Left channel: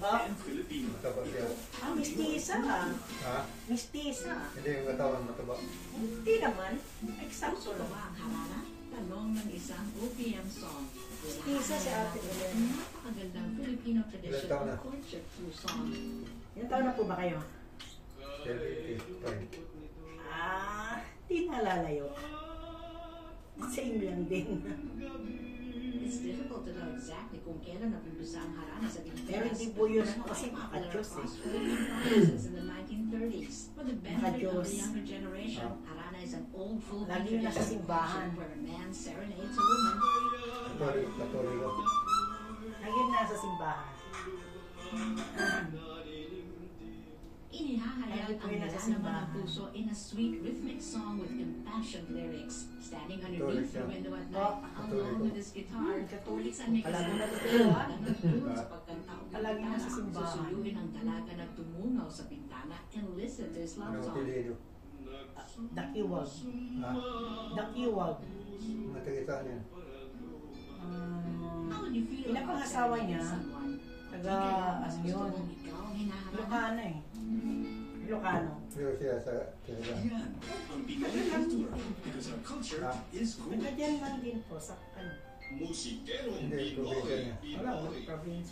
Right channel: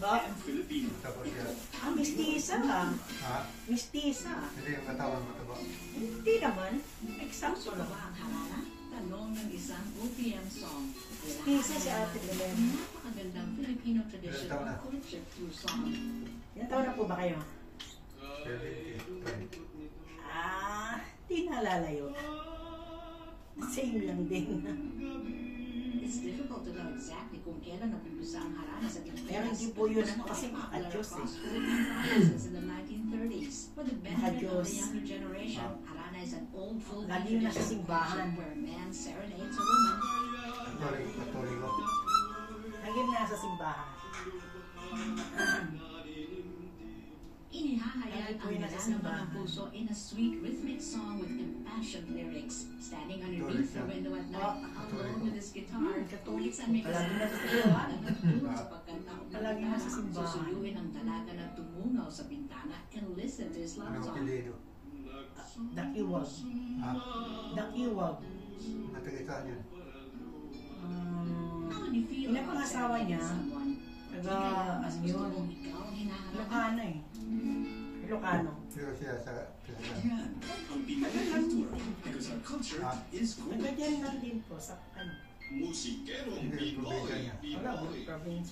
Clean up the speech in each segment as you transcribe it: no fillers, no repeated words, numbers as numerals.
and Filipino. Mistisa ah. Ha? Mistisa. Hindi yung katawan mataba. Hindi naman. Eksakto lang. Tanong ng isang OPM song. Mistisa si Ate Belen. Napakagandang Filipino tradition Ilan taon na? ng courtship through song. Ilan taon na po ba kayo? 85. Di naalala yun. Same lang din. It's difficult to know exactly kung kailan napumpisa ang harana sa Pilipinas. Pero hindi po yun kasi makadyos eh. Since in the 1930s. For the benefit of Makadyos. the younger generation, harana is an old Filipino Lagi yun nasa simbahan. where a man serenades a woman. Katoliko. Lagi yun nasa simbahan. Inihahayag Lagi po ang yun nasa nararamdaman simbahan. ng puso in a sweet rhythmic song with impassioned lyrics. Standing underneath the window at night, alone with his guitar, Katolik. minsan may Palagi na sa kasama simbahan. ng tulog sa pagkanta o Palagi na sa pagkanta. simbahan. Susuyuin ang dalaga na tumungaw sa bintana and listen to his love Anong song. apelido? Dakiwag. Ha? Dakiwag. Natagitaan yan. How would you feel Ilan pang about asawa niya? serenading someone? Taga, ano yun? Ikaw ang hinahanap. Ilocano eh. Ilocano. Pero siya sa talaga. Yan ang Pinoy kultura because our culture is cool. Nagkadyan lang din po sa ano. Musikerong Hindi, probinsya niya. Wala, province.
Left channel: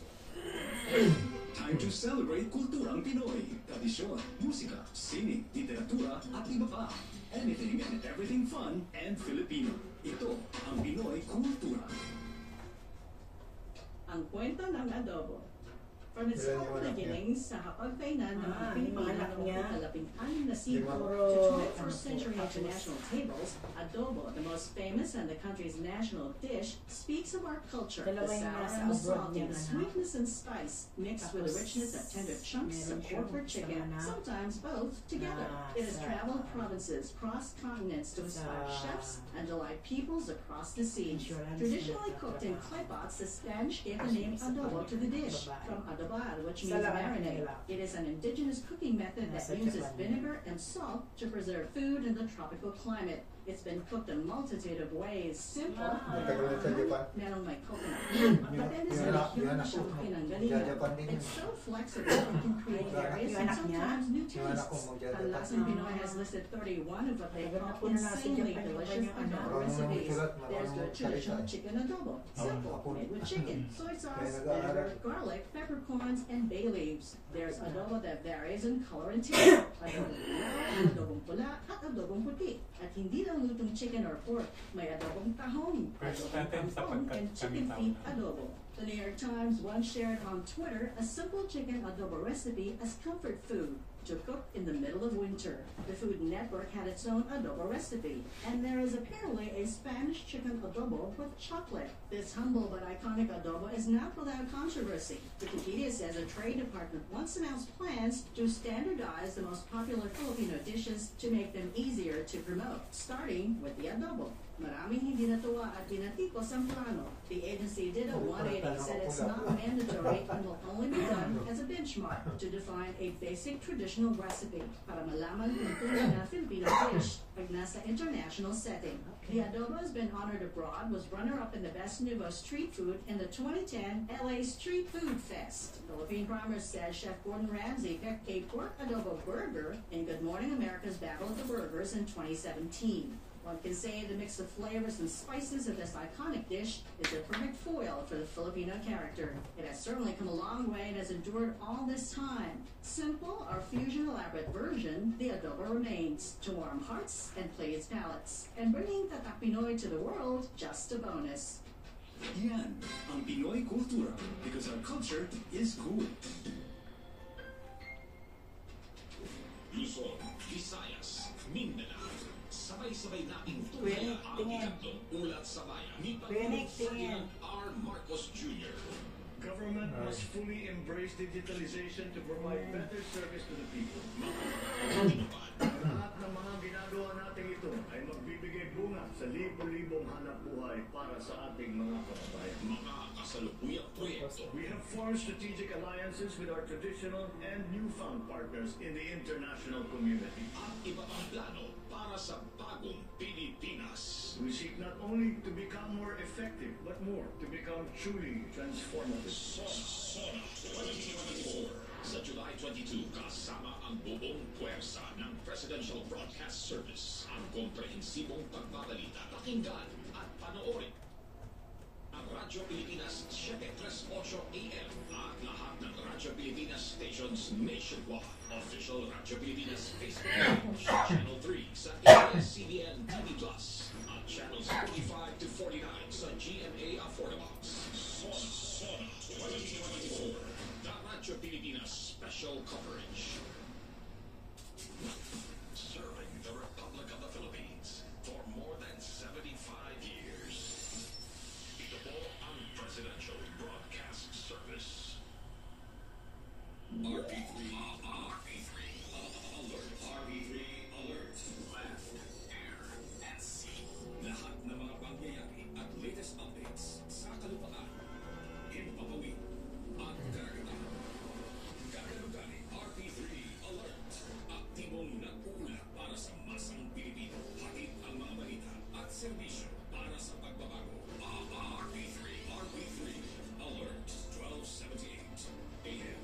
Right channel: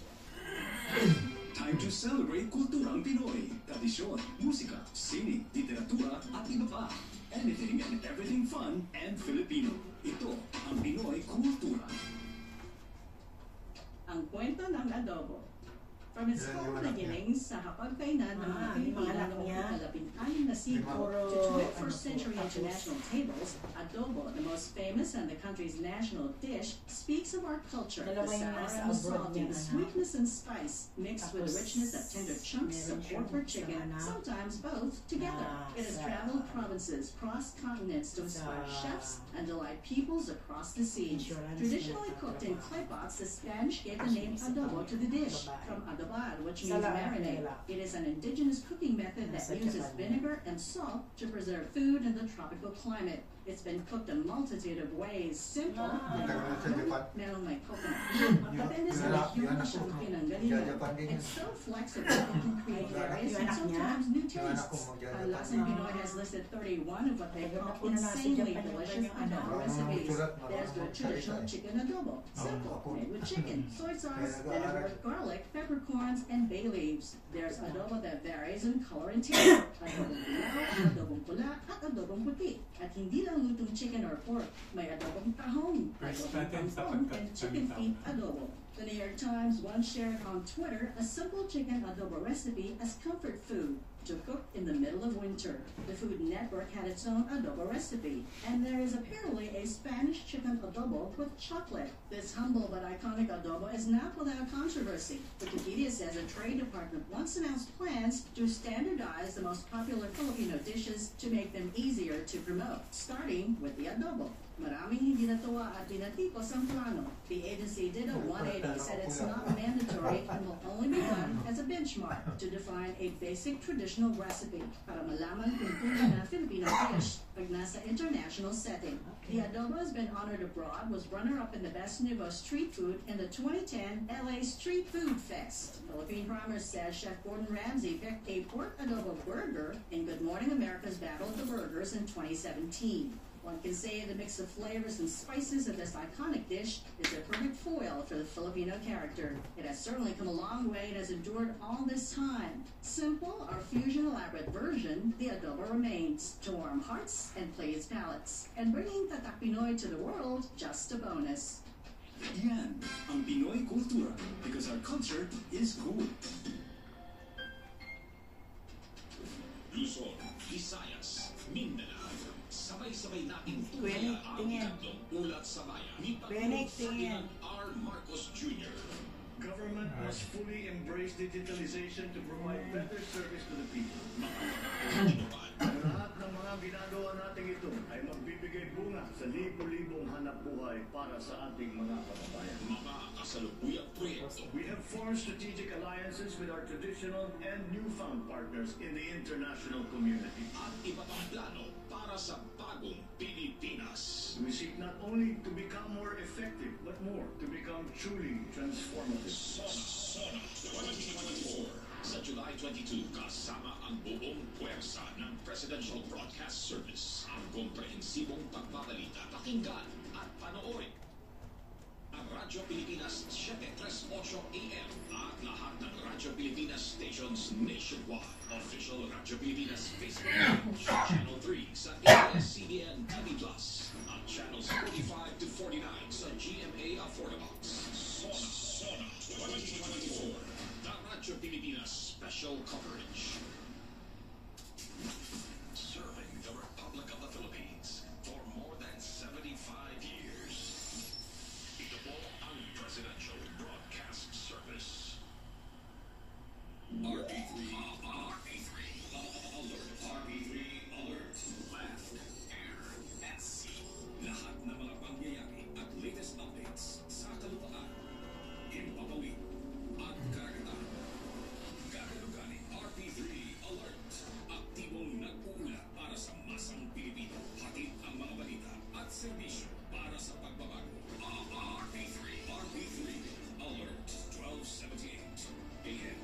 Time to celebrate kulturang Pinoy. Tradisyon, musika, sining, literatura at iba pa. Anything and everything fun and Filipino. Ito ang Pinoy kultura. Ang kwento ng adobo. From its Ilan yung humble anak niya? beginnings sa hapagkainan ng mga yung mga anak Pilipino niya. noong ikalabing-anim na siglo Lima. to 21st century international tables, adobo, the most famous and the country's national dish, speaks of our culture, the Dalawa yung sour nasa and the abroad salty, niya, the anak. sweetness and spice, mixed with the Tapos, richness of tender chunks meron of siyang pork or chicken, isang anak. sometimes both together. Na It has sa- traveled provinces, crossed continents to inspire sa- chefs and delight peoples across the seas. Insurance Traditionally na cooked in trabaho. clay pots, the Spanish gave the name adobo to the dish, from adobar, which means Sa lahat marinade. nila. It is an indigenous cooking method that Nasa uses Japan. vinegar and salt to preserve food in the tropical climate. It's been cooked a multitude of ways. Simple, Ang tagal na sa Japan. merong may coconut. Depende Yun sa na- rehiyon yun na kung saan cook, no? pinanggalingan. Japan din yun. It's so flexible, it can create various Yung and anak niya? sometimes new Yung anak ko tastes. mo Ang dyan. Lasang Pinoy has listed 31 of what they Tagal na call po na nasa insanely Japan yung delicious kanyang anak. adobo Marunong recipes. magsulat, There's the marunong traditional magsalita. chicken adobo, simple, Apo. made with chicken, soy sauce, Kaya nag-aaral. vinegar, garlic, peppercorns, and bay leaves. There's adobo that varies in color and taste. Adobong dilaw, adobong pula, at adobong puti. At hindi lang lutong chicken or pork, may adobong tahong, First adobong natin sa kangkong, and chicken pagkakita. feet adobo. The New York Times once shared on Twitter a simple chicken adobo recipe as comfort food to cook in the middle of winter. The Food Network had its own adobo recipe, and there is apparently a Spanish chicken adobo with chocolate. This humble but iconic adobo is not without controversy. Wikipedia says a trade department once announced plans to standardize the most popular Filipino dishes to make them easier to promote, starting with the adobo. Maraming hindi natuwa at binatikos ang plano. The agency did a 180, said it's not mandatory and will only be done as a benchmark to define a basic traditional recipe para malaman kung tunay na Filipino dish pag nasa international setting. The adobo has been honored abroad, was runner-up in the Best Nouveau Street Food in the 2010 LA Street Food Fest. Philippine Primers says Chef Gordon Ramsay picked a pork adobo burger in Good Morning America's Battle of the Burgers in 2017. One can say the mix of flavors and spices of this iconic dish is a perfect foil for the Filipino character. It has certainly come a long way and has endured all this time. Simple, our fusion elaborate version, the adobo remains to warm hearts and please palates. And bringing Tatak Pinoy to the world, just a bonus. Yan ang Pinoy kultura because our culture is cool. Luzon, Visayas, Mindanao. Sabay-sabay nating Kuya, ang tingin. tatlong ulat sa bayan ni Kuya, tingin. R. Marcos Jr. Government must fully embrace digitalization to provide better service to the people. Lahat ng mga ginagawa natin ito ay magbibigay bunga sa libo-libong hanap buhay para sa ating mga kababayan. Mga kasalukuyang proyekto. We have formed strategic alliances with our traditional and newfound partners in the international community. At iba pang plano para sa bagong Pilipinas. We seek not only to become more effective, but more to become truly transformative. Sona 2026. 2022 kasama ang buong puwersa ng Presidential Broadcast Service. Ang komprehensibong pagbabalita, pakinggan at panoorin. Ang Radyo Pilipinas 738 AM at lahat ng Radyo Pilipinas stations nationwide. Official Radyo Pilipinas Facebook page, Channel 3 sa ABS-CBN TV Plus at Channels 45 to 49 sa GMA Affordabox. Sona 2024, the Radyo Pilipinas Special Coverage. Serving the Republic of the Philippines for more than 75 years. Ito po ang Presidential Broadcast Service. RP3 Alert. RP3 Alert. Land, air, at sea. Lahat ng mga pangyayari at latest updates sa kalupaan, himpapawid at karagatan. Gagalagan RP3 Alert. Aktibong nag-uula para sa masang Pilipino. Hatid ang mga balita at serbisyo para sa pagbabago. RP3 Alert. 1278 AM.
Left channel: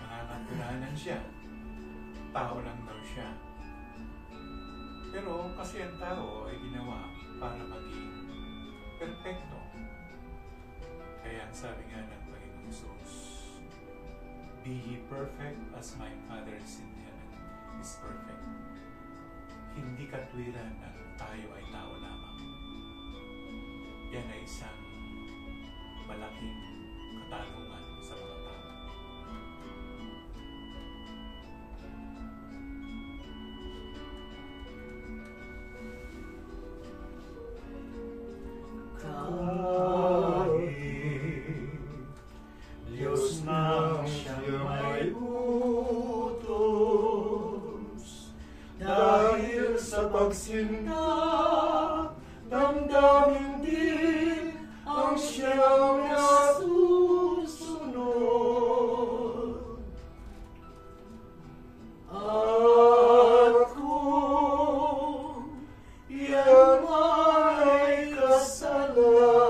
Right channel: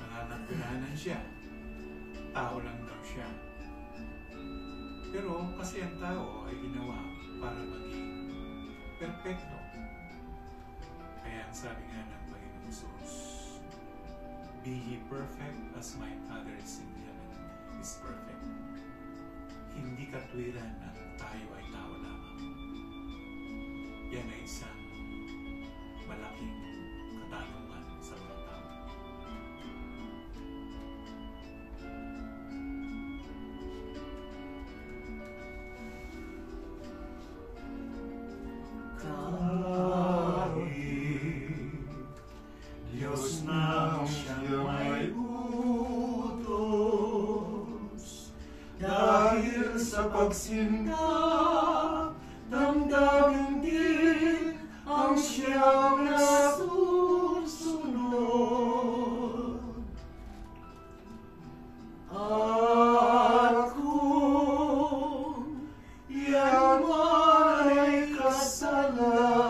Nangangapirahanan siya. Tao lang daw siya. Pero kasi ang tao ay ginawa para maging perfecto. Kaya ang sabi nga ng Panginoong Jesus, be ye perfect as my Father is in heaven is perfect. Hindi katwiran na tayo ay tao lamang. Yan ay isang malaking katanungan sa mga tao. Diyos na siya may utos, dahil sa pagsinta, damdamin din ang siyang nasusunod. At kung yan ay kasalanan,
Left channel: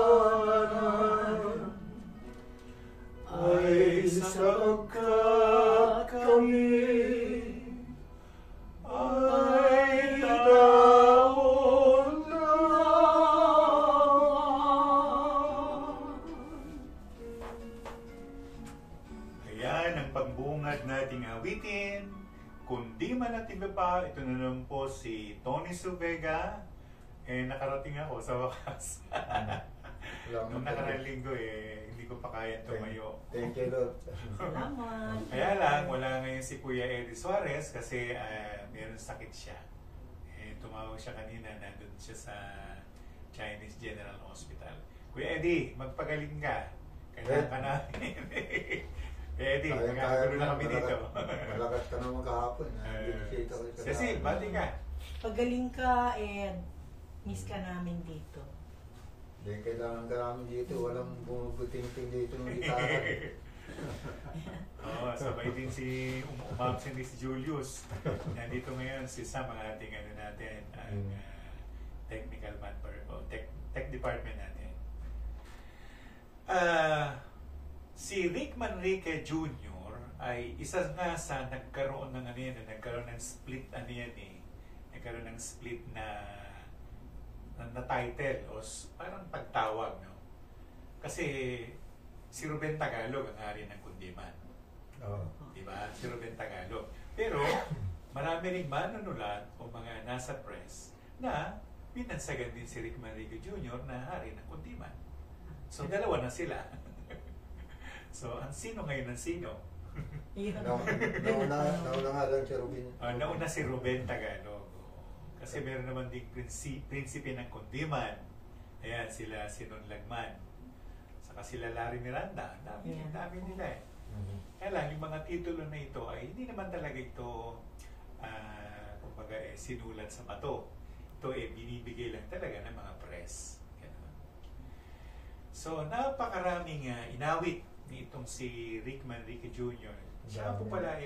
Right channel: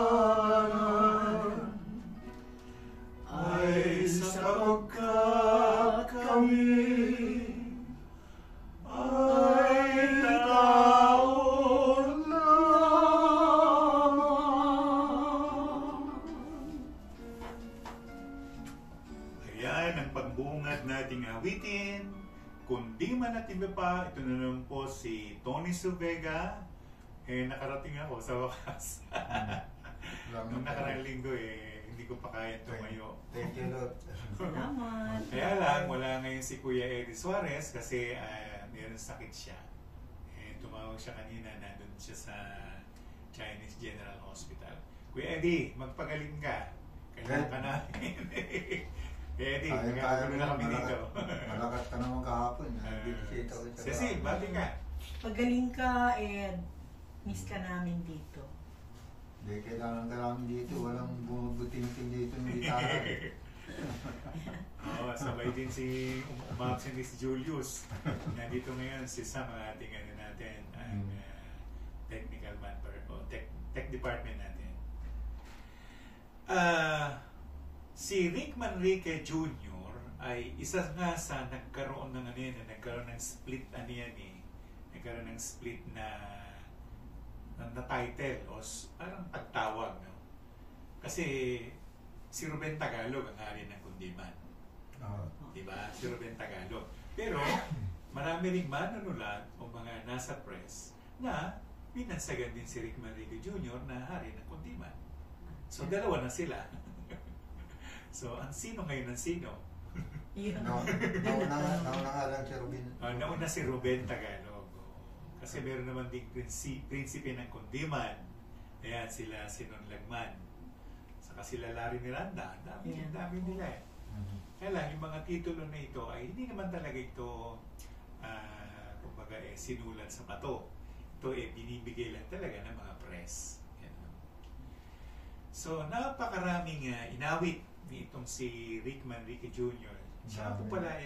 kundiman at iba pa. Ito na naman po si Tony Suvega. Nakarating ako sa wakas. Nung nakaraang linggo hindi ko pa kaya tumayo. Thank you, Lord. Salamat. Kaya lang, wala ngayon si Kuya Eddie Suarez kasi meron sakit siya. Tumawag siya kanina, nandun siya sa Chinese General Hospital. Kuya Eddie, magpagaling ka. Kailangan ka namin. Kuya Eddie, magkakagulo na kami dito. Malakas ka naman kahapon. Cecil, bati ka. Pagaling ka, Ed. Miss ka namin dito. Hindi, kailangan ka namin dito. Walang bumubuting-ting dito ng gitara. Oo, sabay din umabsent din si Julius. Nandito ngayon si Sam, ang ating natin, ang technical man o tech department natin. Si Rick Manrique Jr. ay isa nga sa nagkaroon ng nagkaroon ng split nagkaroon ng split na title o parang pagtawag, no? Kasi si Ruben Tagalog ang hari ng kundiman. Di ba? Si Ruben Tagalog. Pero marami ring manunulat o mga nasa press na binansagan din si Rick Manrique Jr. na hari ng kundiman. So dalawa na sila. So ang sino ngayon ang sino? Nauna nga lang si Ruben. Nauna si Ruben Tagalog. Kasi meron naman ding prinsipe ng kundiman. Ayan, sila Sinon Lagman. Saka sila Larry Miranda. Dami nila Kaya lang, yung mga titulo na ito ay hindi naman talaga ito kumbaga sinulat sa bato. Ito binibigay lang talaga ng mga press. So, napakaraming inawit ni itong si Rick Manrique Jr. Siya po pala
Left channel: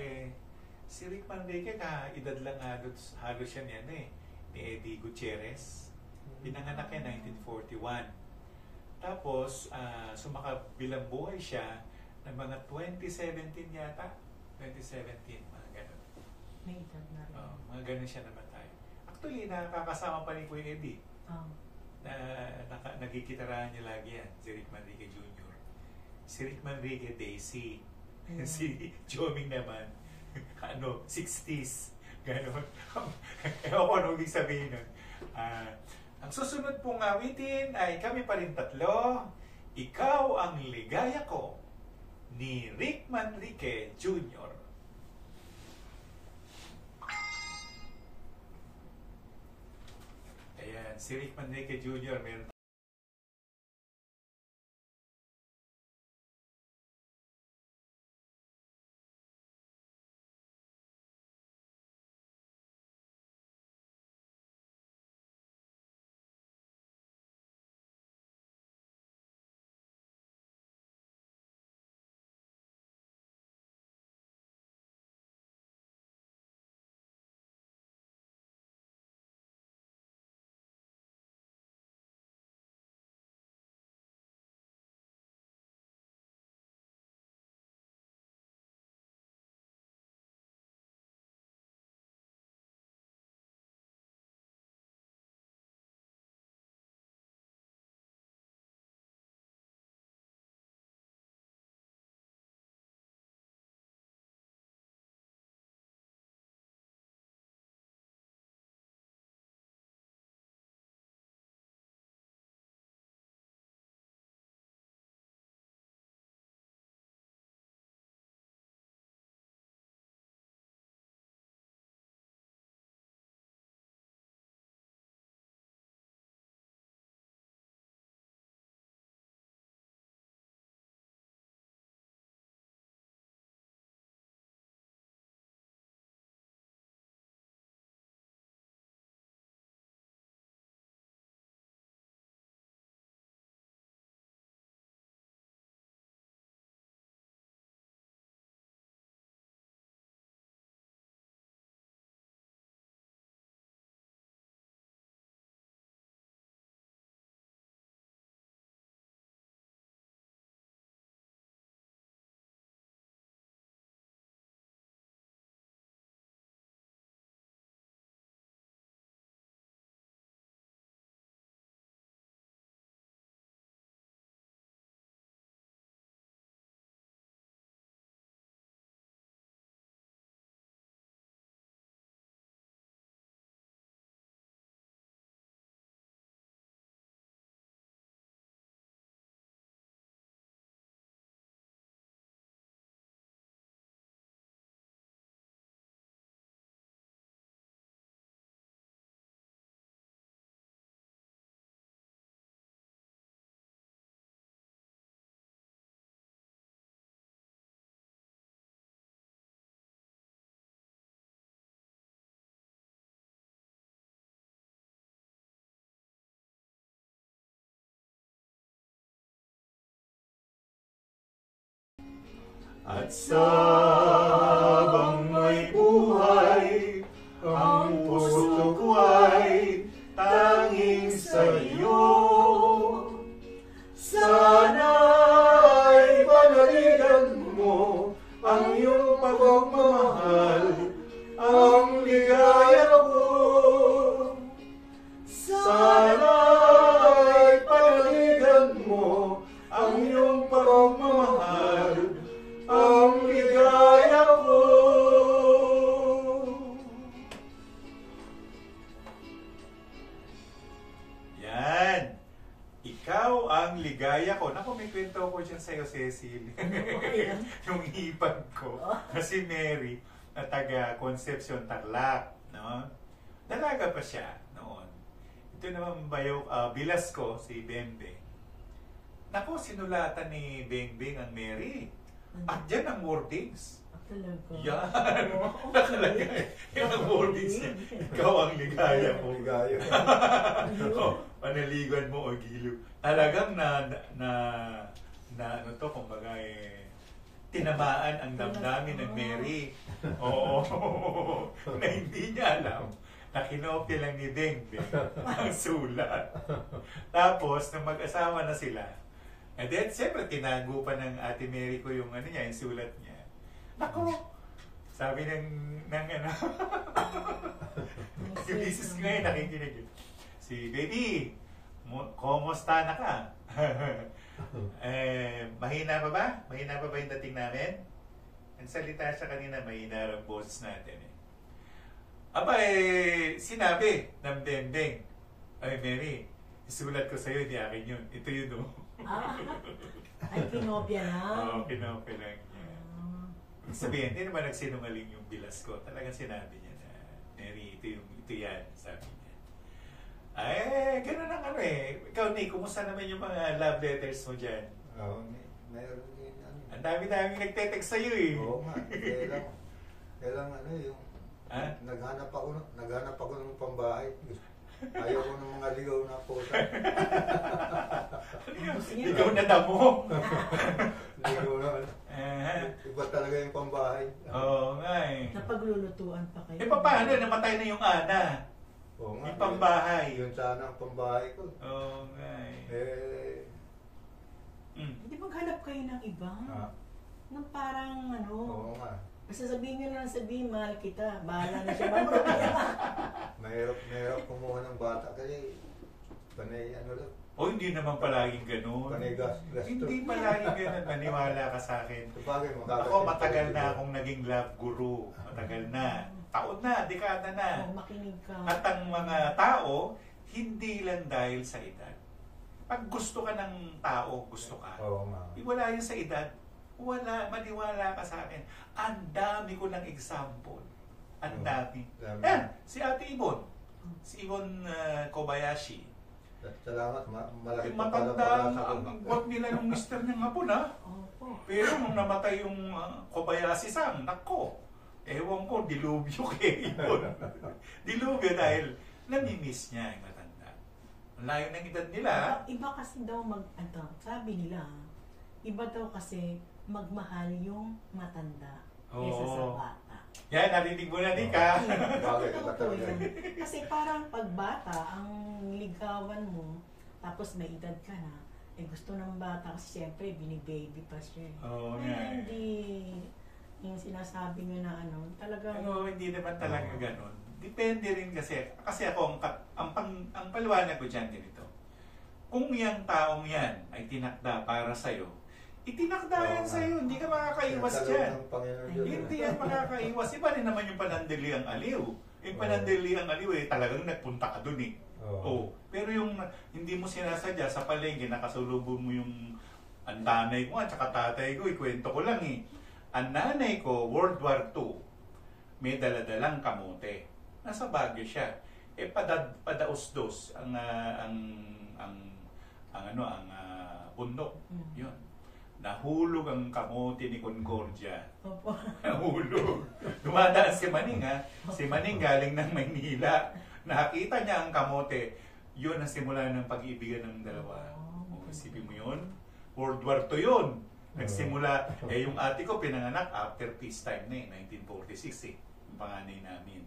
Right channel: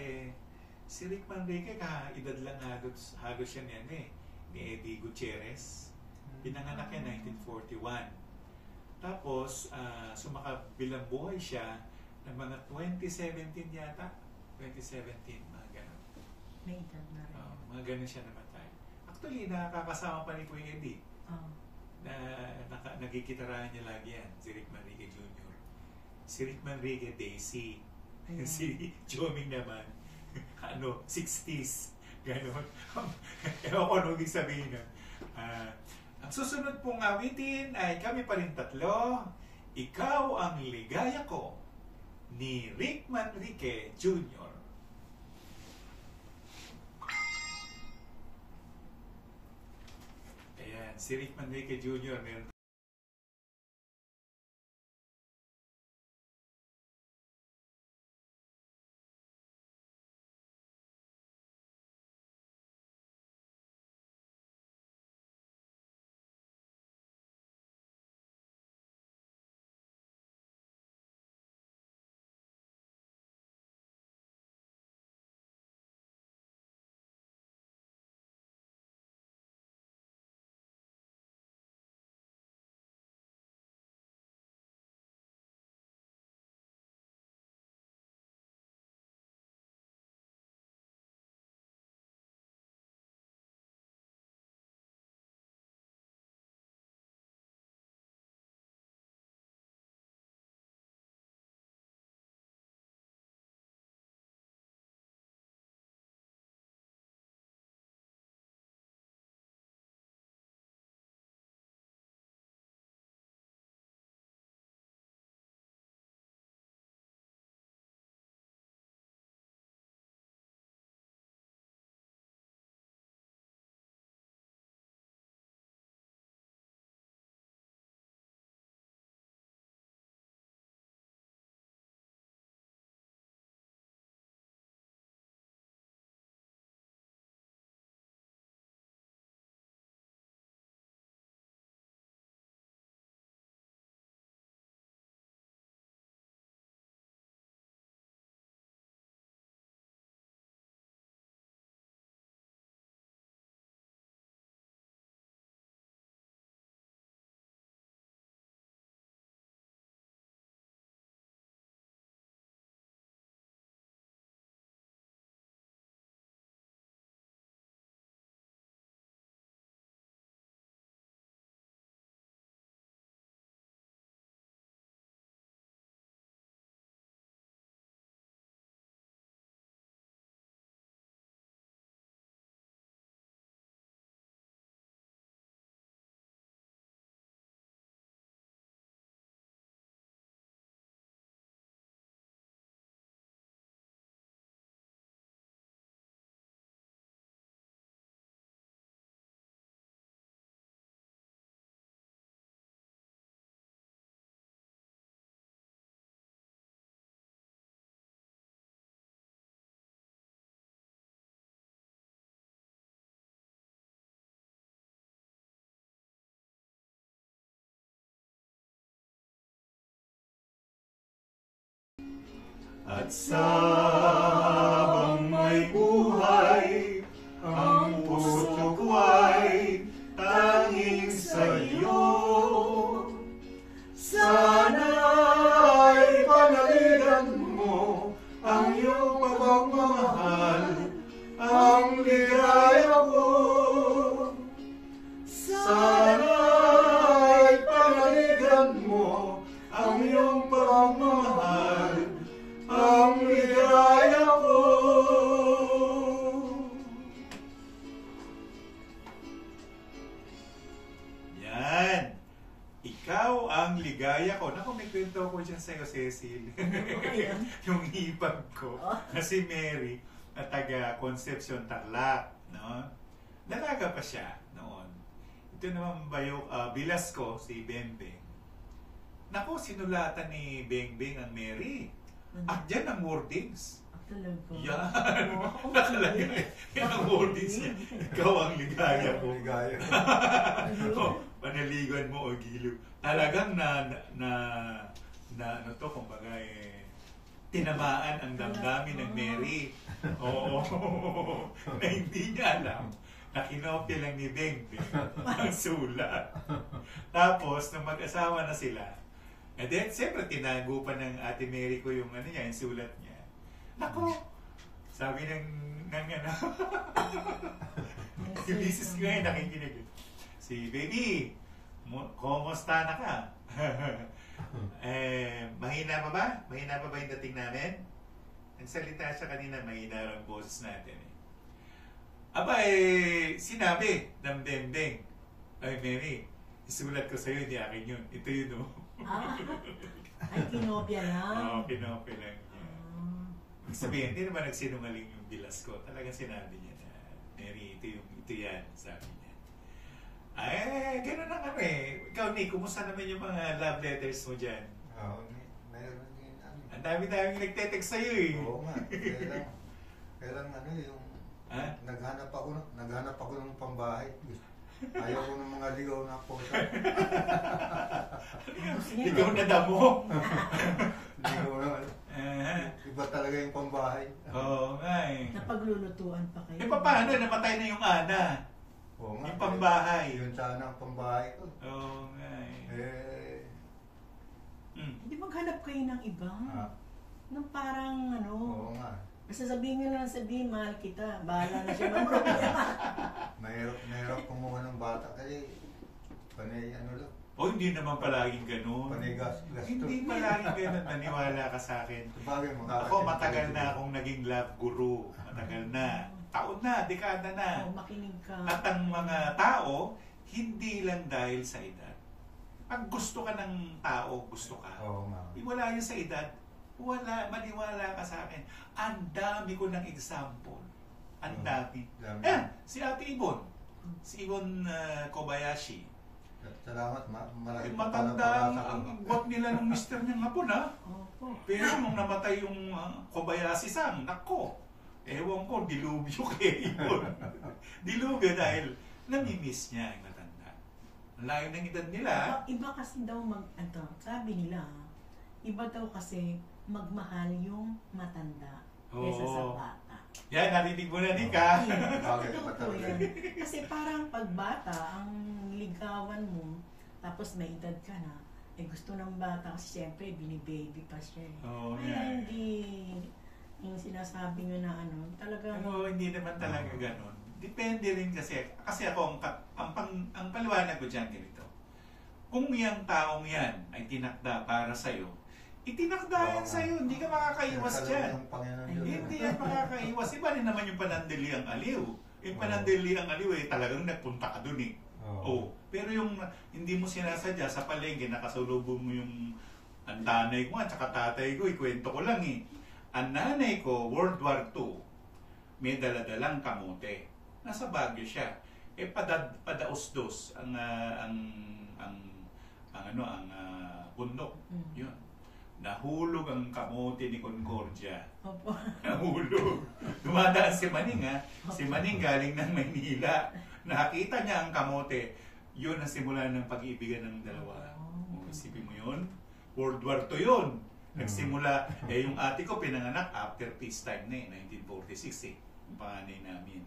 si Rick Manrique, edad lang halos siya niyan ni Eddie Gutierrez. Pinanganak niya 1941. Tapos, sumakabilang buhay siya ng mga 2017 yata. 2017, mga ganun. May edad na rin. Mga ganun siya namatay. Actually, nakakasama pa ni Kuya Eddie. Nagkikitarahan niya lagi yan, si Rick Manrique Jr. Si Rick Manrique, Daisy. Si Joming naman, 60s. Ganon. Ewan ko ano ibig sabihin nun. Ang susunod pong awitin ay kami pa rin tatlo. Ikaw ang ligaya ko ni Rick Manrique Jr. Ayan, si Rick Manrique Jr. meron At sabang may buhay, ang puso ko ay tanging sa iyo. Sana'y panaligan mo ang iyong pagmamahal, ang ligaya ko. Sana'y panaligan mo ang iyong pagmamahal, ang ligaya ko. Yan. Ikaw ang ligaya ko. Naku, may kwento ko dyan sa'yo, Cecil. Yung hipag ko na si Mary na taga Concepcion, Tarlac. No? Dalaga pa siya noon. Ito naman bilas ko, si Bengbeng. Naku, sinulatan ni Bengbeng ang Mary. At dyan ang wordings. Talaga. Yan. Nakalagay. Yan ang wordings niya. Ikaw ang ligaya ko. Ligaya. Panaligan mo o giliw. Talagang ano to, kumbaga tinamaan ang damdamin ng Mary. Oo. Na hindi niya alam na kinopya lang ni Bengbeng ang sulat. Tapos, nung mag-asawa na sila, and then, siyempre, tinago pa ng Ate Mary ko yung yung sulat niya. Ako, sabi ng yung misis ko ngayon nakikinig. Si baby, kumusta na ka? Mahina pa ba? Mahina pa ba yung dating namin? Ang salita siya kanina, mahina ang boses natin. Aba, sinabi ng Bengbeng, ay Mary, isulat ko sa'yo, hindi akin yun. Ito yun, no? Ay, kinopya lang. Oo, kinopya lang niya. Sabihin, hindi naman nagsinungaling yung bilas ko. Talagang sinabi niya na, Mary, ito yan, sabi niya. Ay, gano'n ang Ikaw, Nick, kumusta naman yung mga love letters mo dyan? Oo, mayroon din. Ang dami-dami nagte-text sa'yo eh. Oo nga, kailang yung naghanap ako ng pambahay. Ayoko ng mga ligaw na po. Ligaw na damo. Ligaw na. Iba talaga yung pambahay. Oo nga eh. Napaglulutuan pa kayo. Paano? Namatay na yung ana. Oo nga. Yung pambahay. Yung sana ang pambahay ko. Oo nga eh. Hindi maghanap kayo ng iba? Nung parang Oo nga. basta sabihin nyo lang mahal kita. Bahala na siya. Mamuro Mahirap kumuha ng bata kasi panay lang. Hindi naman palaging ganun. Panay gas. Hindi palaging ganun. Maniwala ka sa akin. Ako matagal na akong naging love guru. Matagal na. Taon na, dekada na. Makinig ka. At ang mga tao, hindi lang dahil sa edad. Pag gusto ka ng tao, gusto ka. Wala yan sa edad. Wala, maniwala ka sa akin. Ang dami ko ng example. Ang dami. Si Ate Ibon. Si Ibon Kobayashi. Salamat, malaki pa matanda ang gwat nila ng mister niyang hapon, ha? Pero nung namatay yung Kobayashi-san, nako, ewan ko, dilubyo kay Ibon. Dilubyo dahil namimiss niya yung matanda. Layo ng edad nila. Iba kasi daw sabi nila, iba daw kasi magmahal yung matanda kesa sa bata. Yan, narinig mo na, Nika. Totoo yan. Kasi parang pag bata, ang ligawan mo, tapos may edad ka na, gusto ng bata kasi siyempre binibaby pa siya. Hindi yung sinasabi nyo na talagang... hindi naman talaga ganun. Depende rin kasi ako, ang paliwanag ko dyan ganito. Kung yung taong yan ay tinakda para sa'yo, itinakda yan sa'yo, hindi ka makakaiwas dyan. Hindi yan makakaiwas. Iba rin naman yung panandali ang aliw. Yung panandali ang aliw talagang nagpunta ka dun eh. Pero yung hindi mo sinasadya sa palengke, nakasalubong mo yung ang nanay ko at saka tatay ko, ikwento ko lang eh. Ang nanay ko, World War II, may daladalang kamote. Nasa Baguio siya. Padaos-dos ang bundok. Yun. Nahulog ang kamote ni Concordia. Nahulog. Dumadaan si Maning, ha? Si Maning galing ng Maynila. Nakita niya ang kamote. Yun ang simula ng pag-iibigan ng dalawa. Isipin mo yun? World War II yun. Nagsimula, yung ate ko pinanganak after peacetime na 1946 yung panganay namin.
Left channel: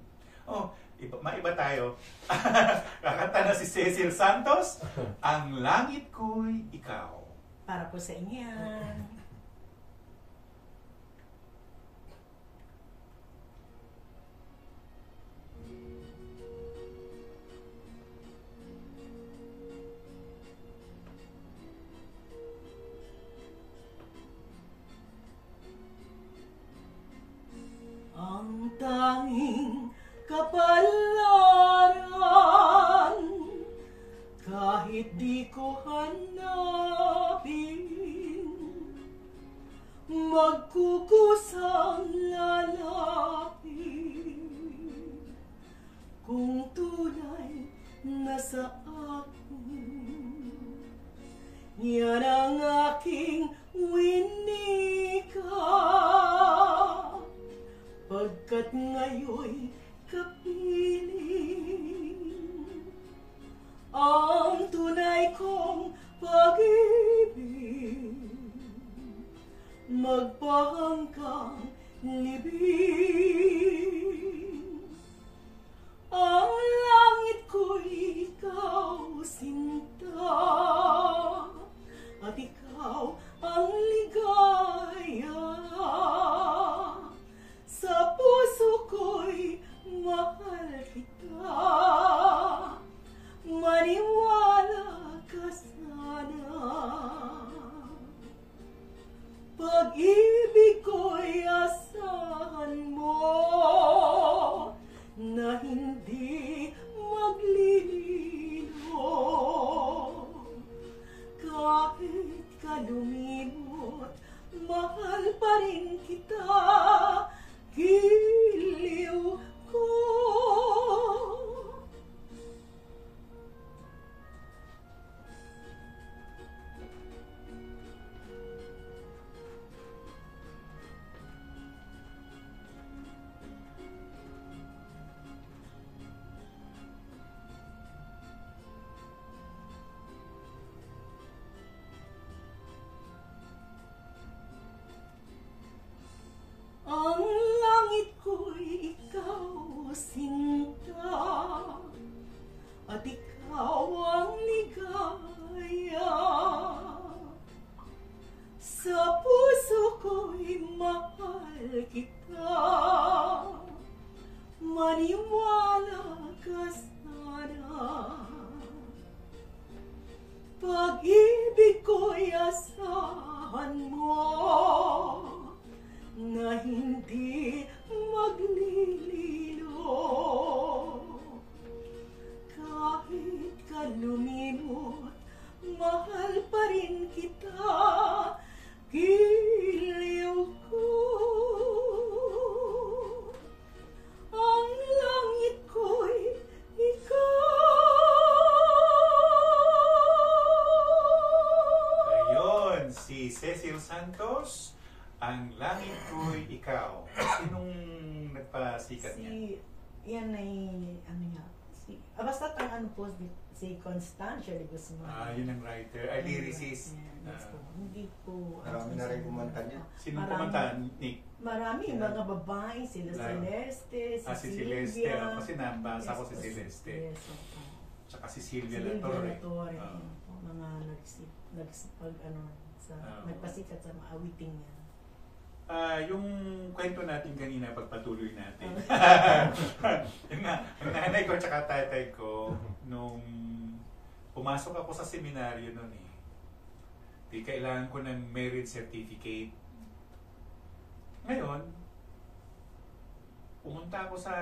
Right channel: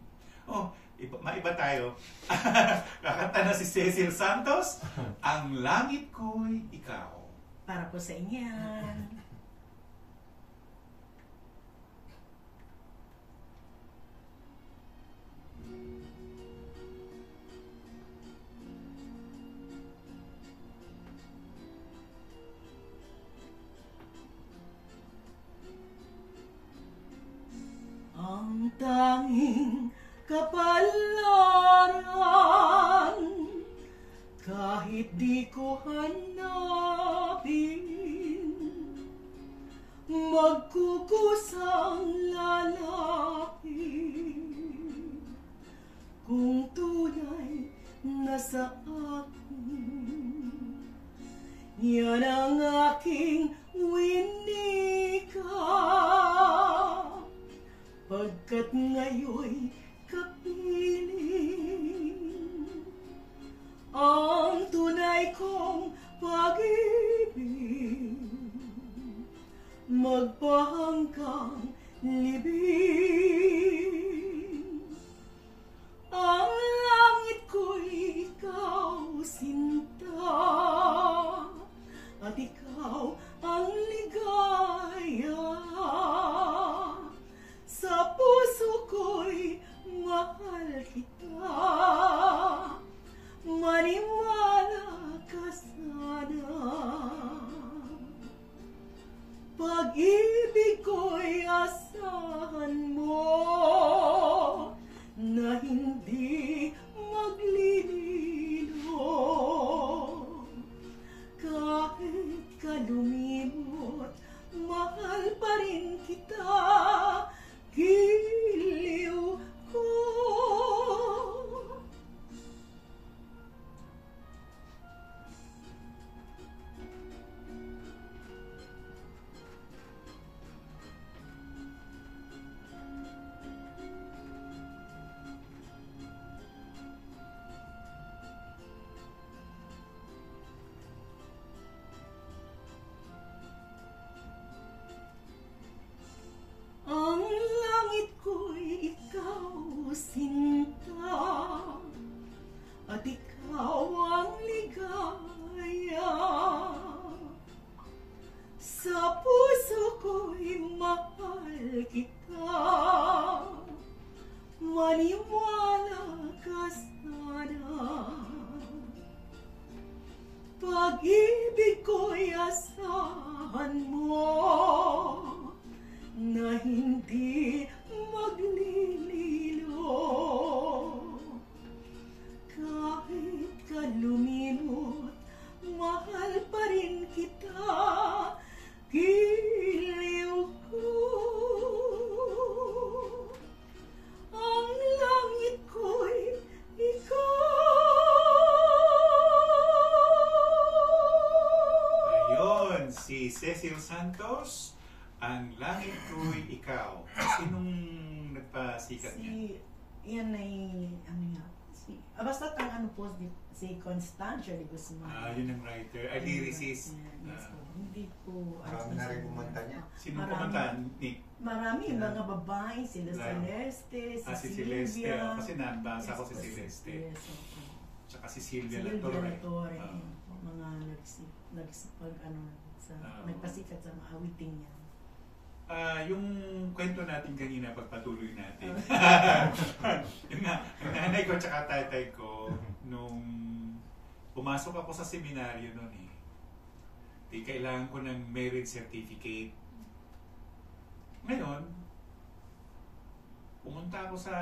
Maiba tayo. Kakanta na si Cecil Santos, Ang Langit Ko'y Ikaw. Para po sa inyo yan. Ang tanging kapalaran, kahit di ko hanapin, magkukusang lalapin, kung tunay na sa akin. Yan ang aking winika, pagkat ngayo'y kapiling ang tunay kong pag-ibig, magpahanggang libing. Ang langit ko'y ikaw, sinta, at ikaw ang ligaya. Sa puso ko'y mahal kita, maniwala ka sana. Pag-ibig ko'y asahan mo, na hindi maglilino. Kahit ka lumimot, mahal pa rin kita, giliw ko. Ang langit ko'y ikaw, sinta, at ikaw ang ligaya. Sa puso ko'y mahal kita, maniwala ka sana. Pag-ibig ko'y asahan mo, na hindi maglilino. Kahit ka lumimot, mahal pa rin kita, giliw ko. Ang langit ko'y ikaw. Ayun, si Cecil Santos, Ang Langit Ko'y Ikaw. Sinong nagpasikat niya? Yan ay, basta ang si Constancia de Guzman. Yun ang writer. Lyricist. Hindi po. Marami na rin kumanta niya. Sinong kumanta, Nick? Marami, mga babae, sila Celeste, si Celeste. Kasi nabasa ko si Celeste. Yes, opo. Tsaka si Silvia Latorre. Mga nagpasikat sa mga awiting niya. Yung kwento natin kanina, pagpatuloy natin. Yung nga, ang nanay ko at tatay ko, nung pumasok ako sa seminaryo noon di kailangan ko ng marriage certificate. Ngayon, pumunta ako sa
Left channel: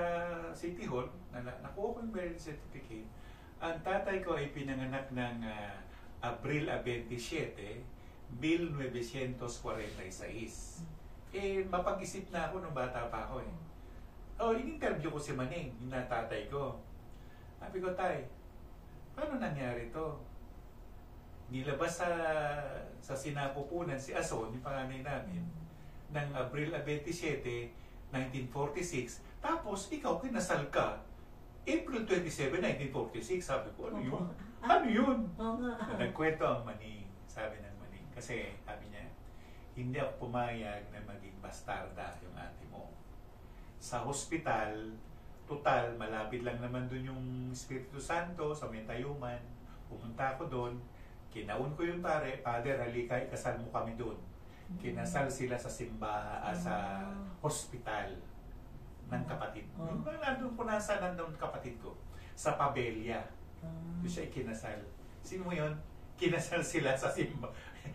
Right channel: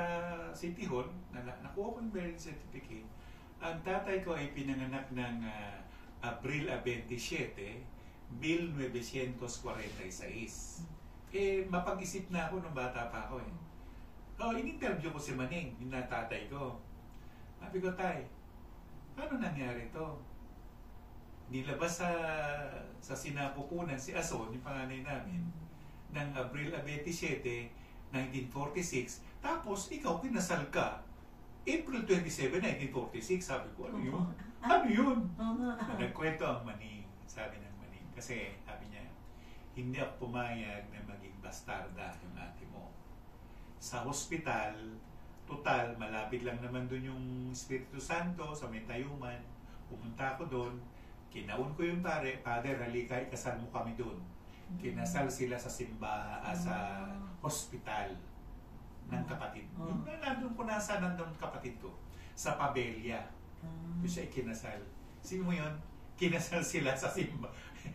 City Hall, nakuha ko yung marriage certificate. Ang tatay ko ay pinanganak ng Abril 27, 1946. Mapag-isip na ako nung bata pa ako in-interview ko si Maneng, yung natatay ko. Sabi ko, tay, paano nangyari to? Nilabas sa sinapupunan si Ason, yung panganay namin, ng Abril 27, 1946. Tapos, ikaw kinasal ka, April 27, 1946. Sabi ko, ano yun? Ano yun? Nagkwento ang Maneng, sabi ng Maneng. Kasi, sabi niya, hindi ako pumayag na maging bastarda yung ate mo. Sa hospital, total, malapit lang naman dun yung Espiritu Santo sa may Tayuman. Pumunta ako doon, kinaun ko yung Father, halika, ikasal mo kami doon. Kinasal sila sa sa hospital ng kapatid. Yung nandun ko nandun kapatid ko, sa Pabella. Yung siya ikinasal. Sino mo yun? Kinasal sila sa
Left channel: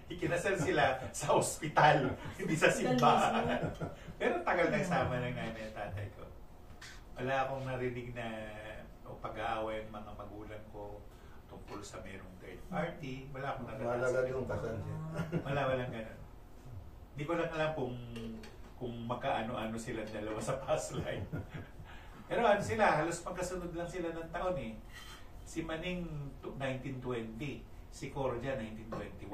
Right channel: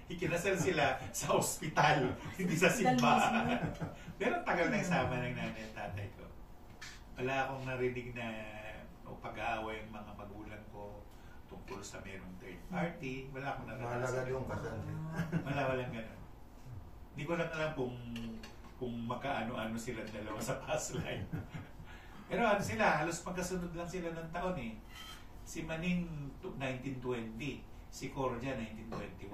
ikinasal sila sa hospital, hindi sa simbahan. Pero tagal nagsama ng nanay at tatay ko. Wala akong narinig na pag-aaway ng mga magulang ko tungkol sa merong third party. Wala akong naranasan. Walang ganun. Hindi ko lang alam kung magkaano-ano sila dalawa sa past life. Pero ano sila, halos magkasunod lang sila ng taon eh. Si Maning 1920, si Cordia 1921.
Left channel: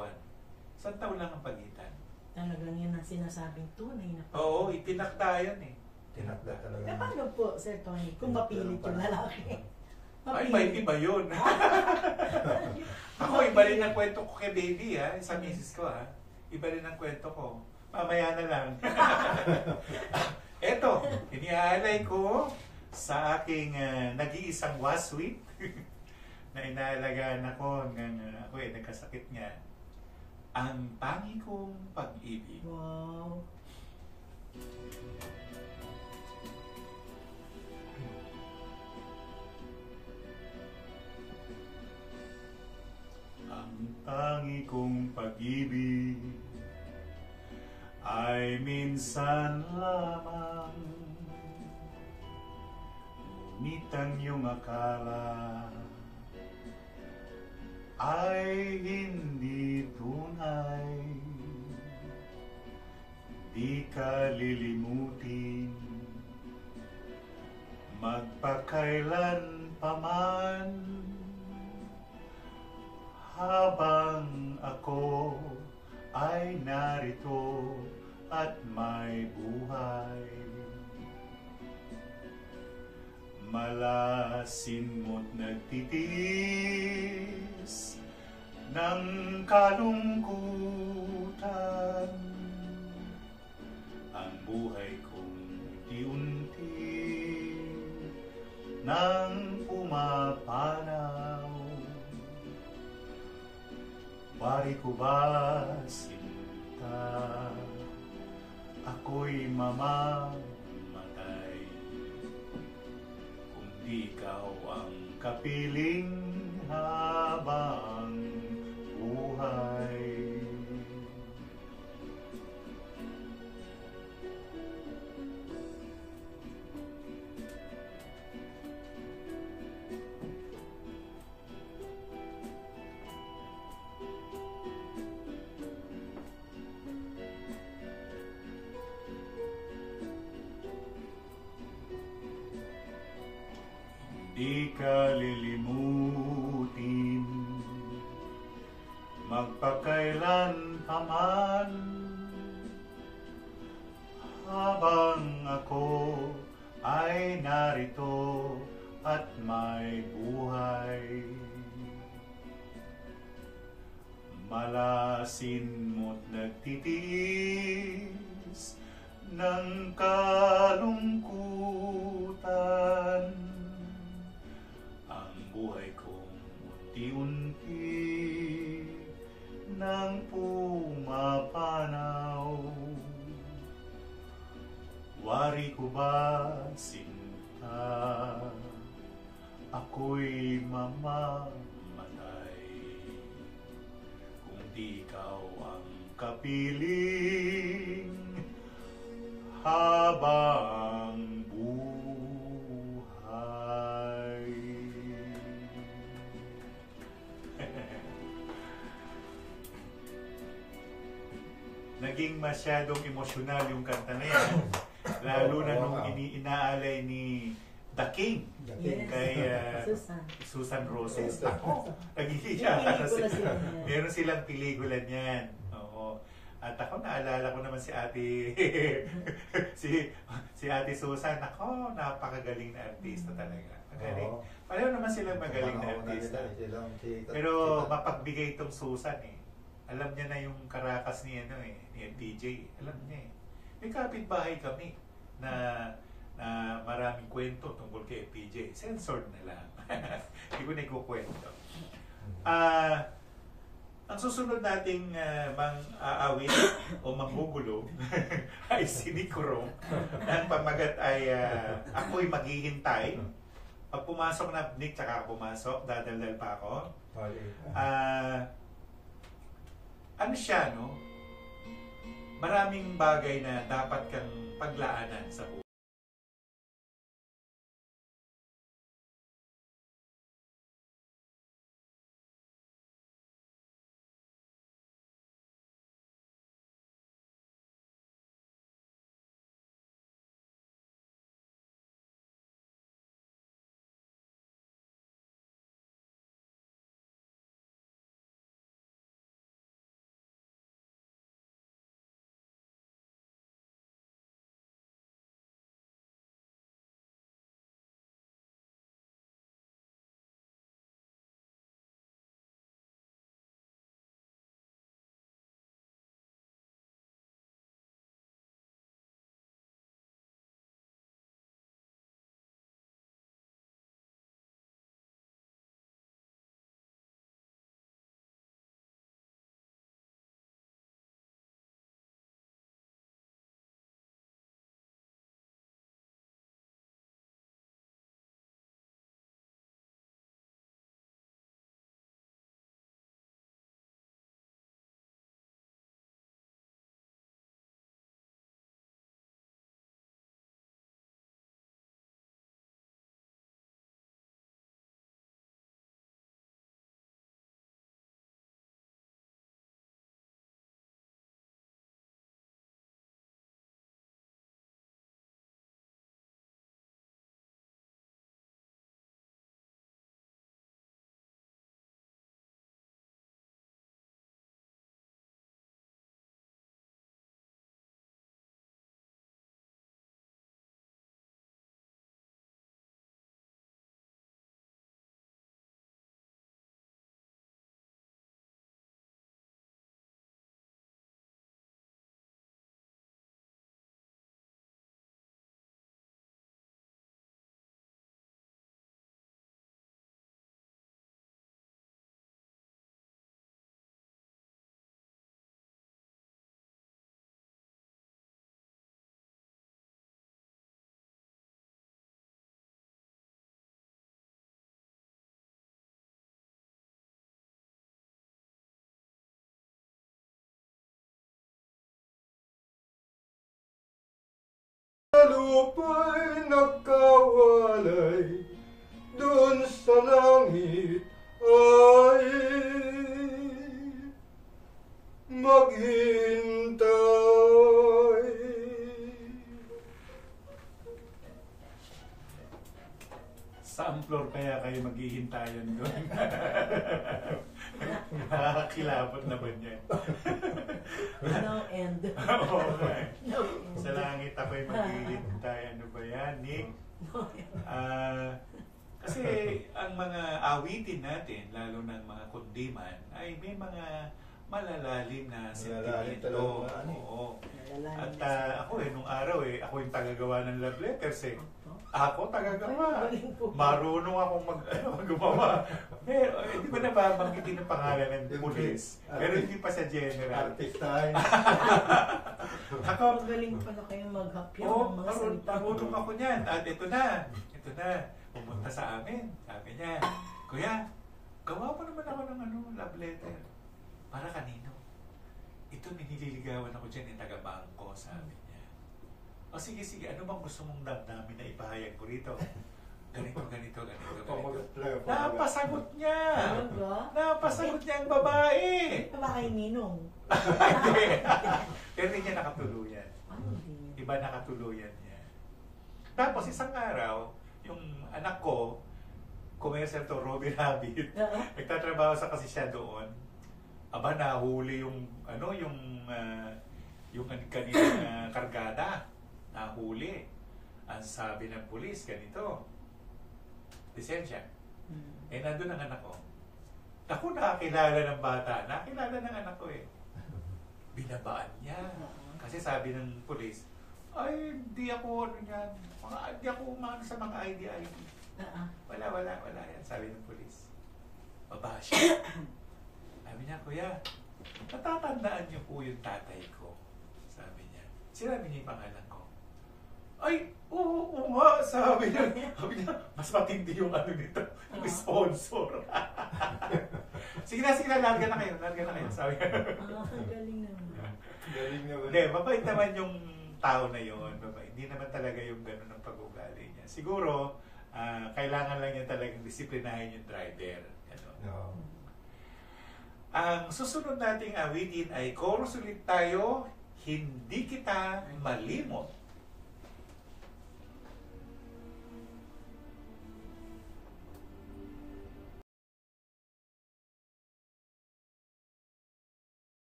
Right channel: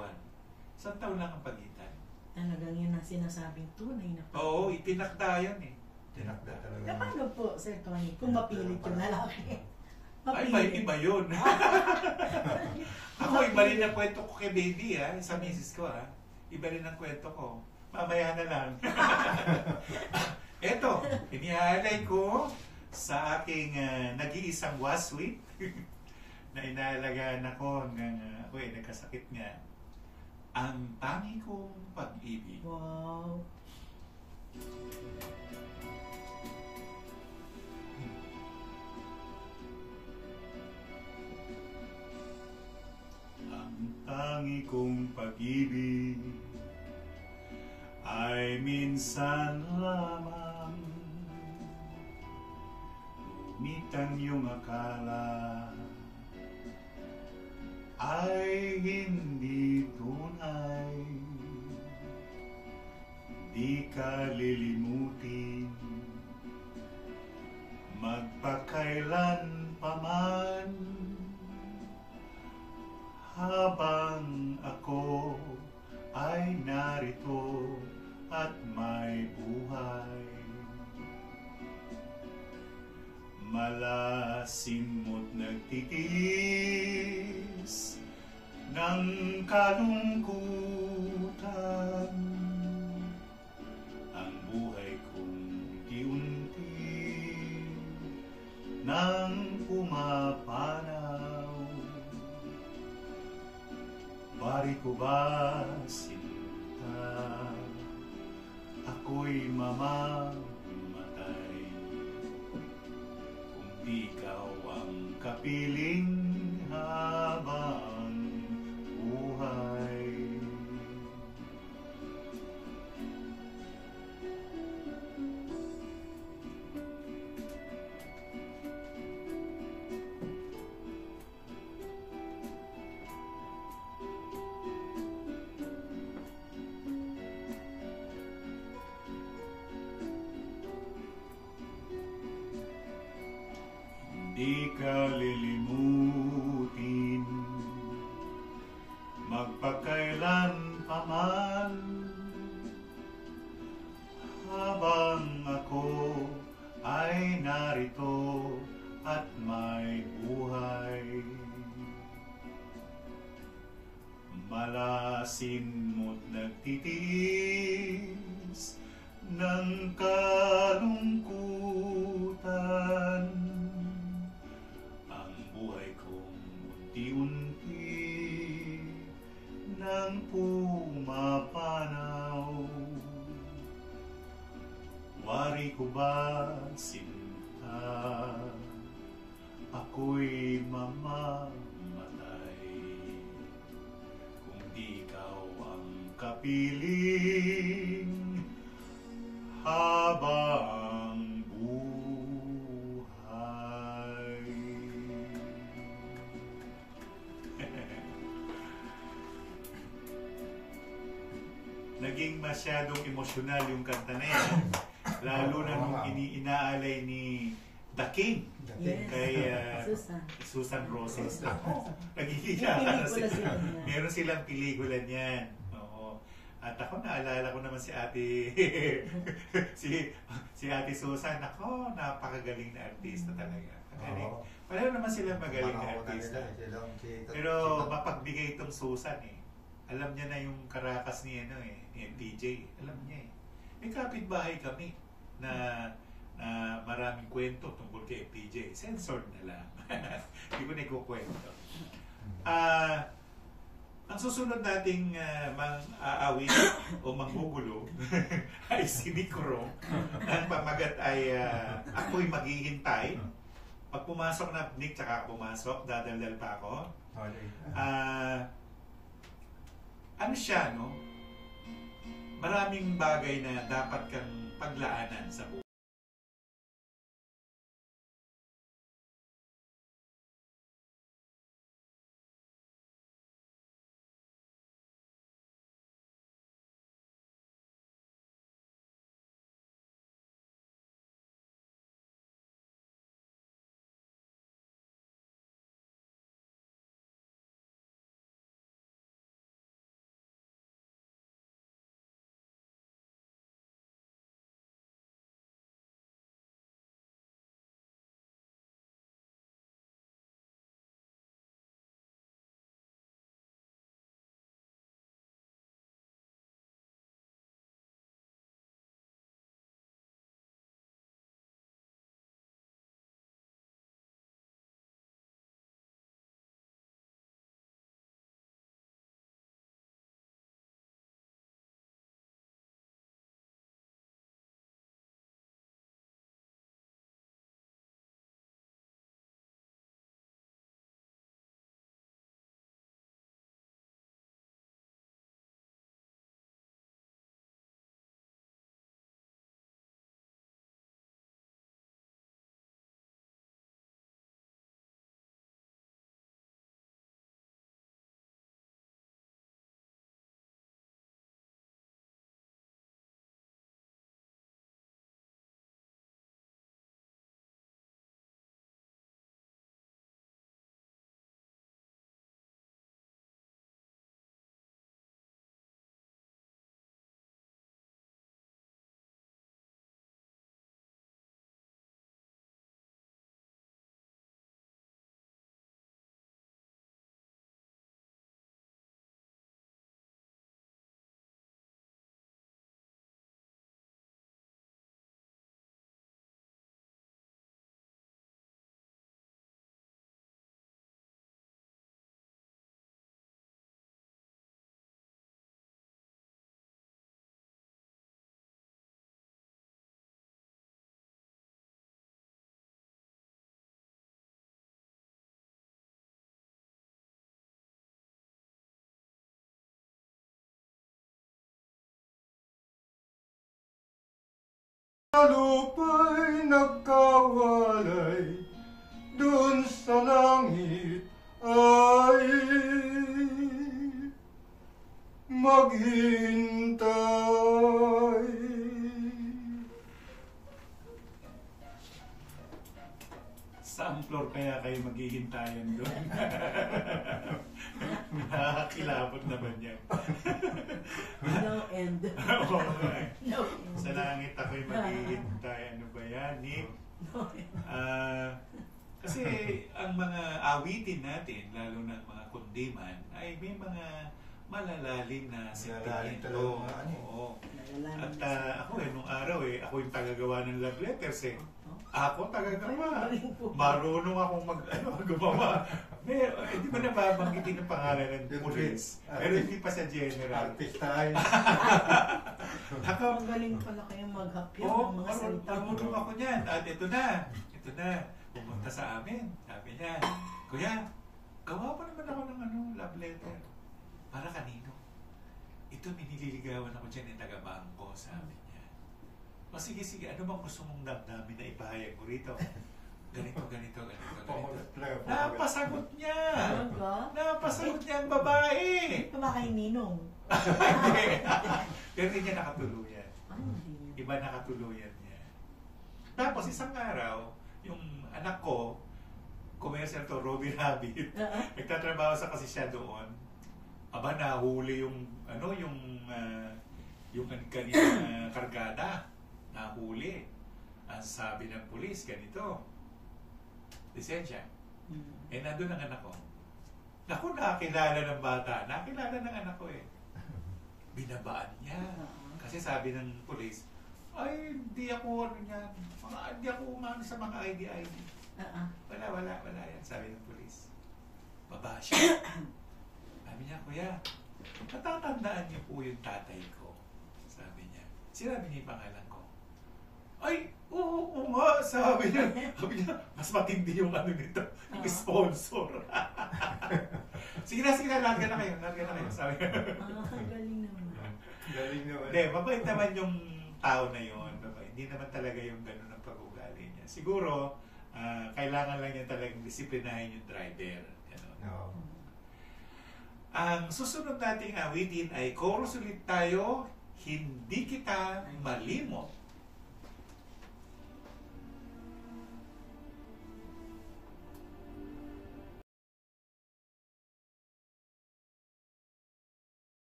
Isang taon lang ang pagitan. Talagang yun ang sinasabing tunay na pagitan. Oo, itinakda yan eh. Tinakda talaga. Eh, paano po, Sir Tony, kung mapilit yung lalaki? Ay, iba yun. Ako, iba rin ang kwento ko kay baby ha, sa misis ko ha. Iba rin ang kwento ko. Mamaya na lang. Eto, iniaalay ko sa aking nag-iisang waswit na inaalagaan ako hanggang ako nagkasakit nga. Ang tangi kong pag-ibig. Wow. Ang tangi kong pag-ibig ay minsan lamang, ngunit ang iyong akala ay hindi tunay. Di ka lilimutin magpakailan paman, habang ako ay narito at may buhay. Malasin mo't nagtitiis ng kalungkutan, ang buhay kong unti-unti nang pumapanaw. Bari ko ba sinta, ako'y mamamatay kung di ikaw ang kapiling habang buhay. Di ka lilimutin magpakailan paman, habang ako ay narito at may buhay. Malasin mo't nagtitiis ng kalungkutan, buhay kong unti-unti nang pumapanaw. Wari ko ba sinta, ako'y mamamatay kung di ikaw ang kapiling habang buhay. Naging masyadong emosyonal yung kanta na yan. Lalo na nung inaalay ni The King, yes, kay Susan Roses. Ako, nagigiya. Meron silang pelikula niyan. Oo. At ako, naalala ko naman si ate si ate Susan. Ako, napakagaling na artista talaga. Magaling. Pareho naman silang magaling na artista. Pero mapagbigay itong Susan eh. Alam niya na yung Caracas ni ni MPJ. Alam niya eh. May kapitbahay kami na maraming kwento tungkol kay MPJ. Censored na lang. Hindi ko na ikukwento. Ang susunod nating aawit o manggugulo ay si Nikoro. Ang pamagat ay ako'y maghihintay. Pag pumasok na Nick, tsaka pumasok, dadaldal pa ako. Ano siya, no? Maraming bagay na dapat kang paglaanan sa buhay. Lupa'y nagkawalay, dun sa langit ay maghintay. Saan floor kaya kayo maghihintayan doon? Nakakilabot naman yan. No end. Oo nga. No. Sa langit ako'y maghihintay. Ano ba yan, Nick? Kasi ang mga awitin natin, lalo ng mga kundiman, ay may mga malalalim na sentimento. Oo. At ako nung araw ako yung tagagawa ng love letters Ako tagagawa. Marunong akong gumawa. Pero hindi ko na babanggitin ang pangalan ng pulis. Pero hindi pa sa general. Artista ay. Ako, magaling pala kayong maghapya ng mga salita. Marunong ako niyan. At ito na. Pumunta sa amin. Sabi niya, Kuya, gawa pa naman ako ng love letter. Para kanino? Ito, minililigawan ako dyan taga-bangko, sabi niya. O sige, ano bang gusto mong damdamin na ipahayag ko rito? Ganito. Napasagot niya! Napasagot niya ang babae! Ito ba kay Ninong? Hindi. Pero hindi niya nakatuluyan. Iba nakatuluyan niya. Tapos isang araw, yung anak ko, commercial to, Robbie Rabbit, nagtatrabaho sa kasi siya doon. Aba, nahuli yung kanilang kargada. Nahuli. Ang sabi ng pulis, ganito. Lisensya. Nandun ang anak ko. Naku, nakakilala ng bata. Nakakilala ng anak ko eh. Binabaan niya. Kasi sabi ng pulis, ay, hindi ako, hindi ako umano sa mga ID. Wala yan, sabi ng pulis. Baba siya. Sabi niya, kuya, natatandaan niyo po yung tatay ko. Sabi niya. Sinabi niya yung pangalan ko. Ay, oo nga, sabi niya. Mas matindi yung ano nito, yung sponsor. Sige na, larga na kayo, sabi niya. Galing naman. Galing naman. Hindi, mabait naman yung tao na yun. Hindi naman talaga yung gano'n ang pag-ugali niya. Siguro, kailangan lang niya talagang disiplinahin yung driver. No. Ang susunod nating awitin ay chorus ulit tayo, Hindi Kita Malimot.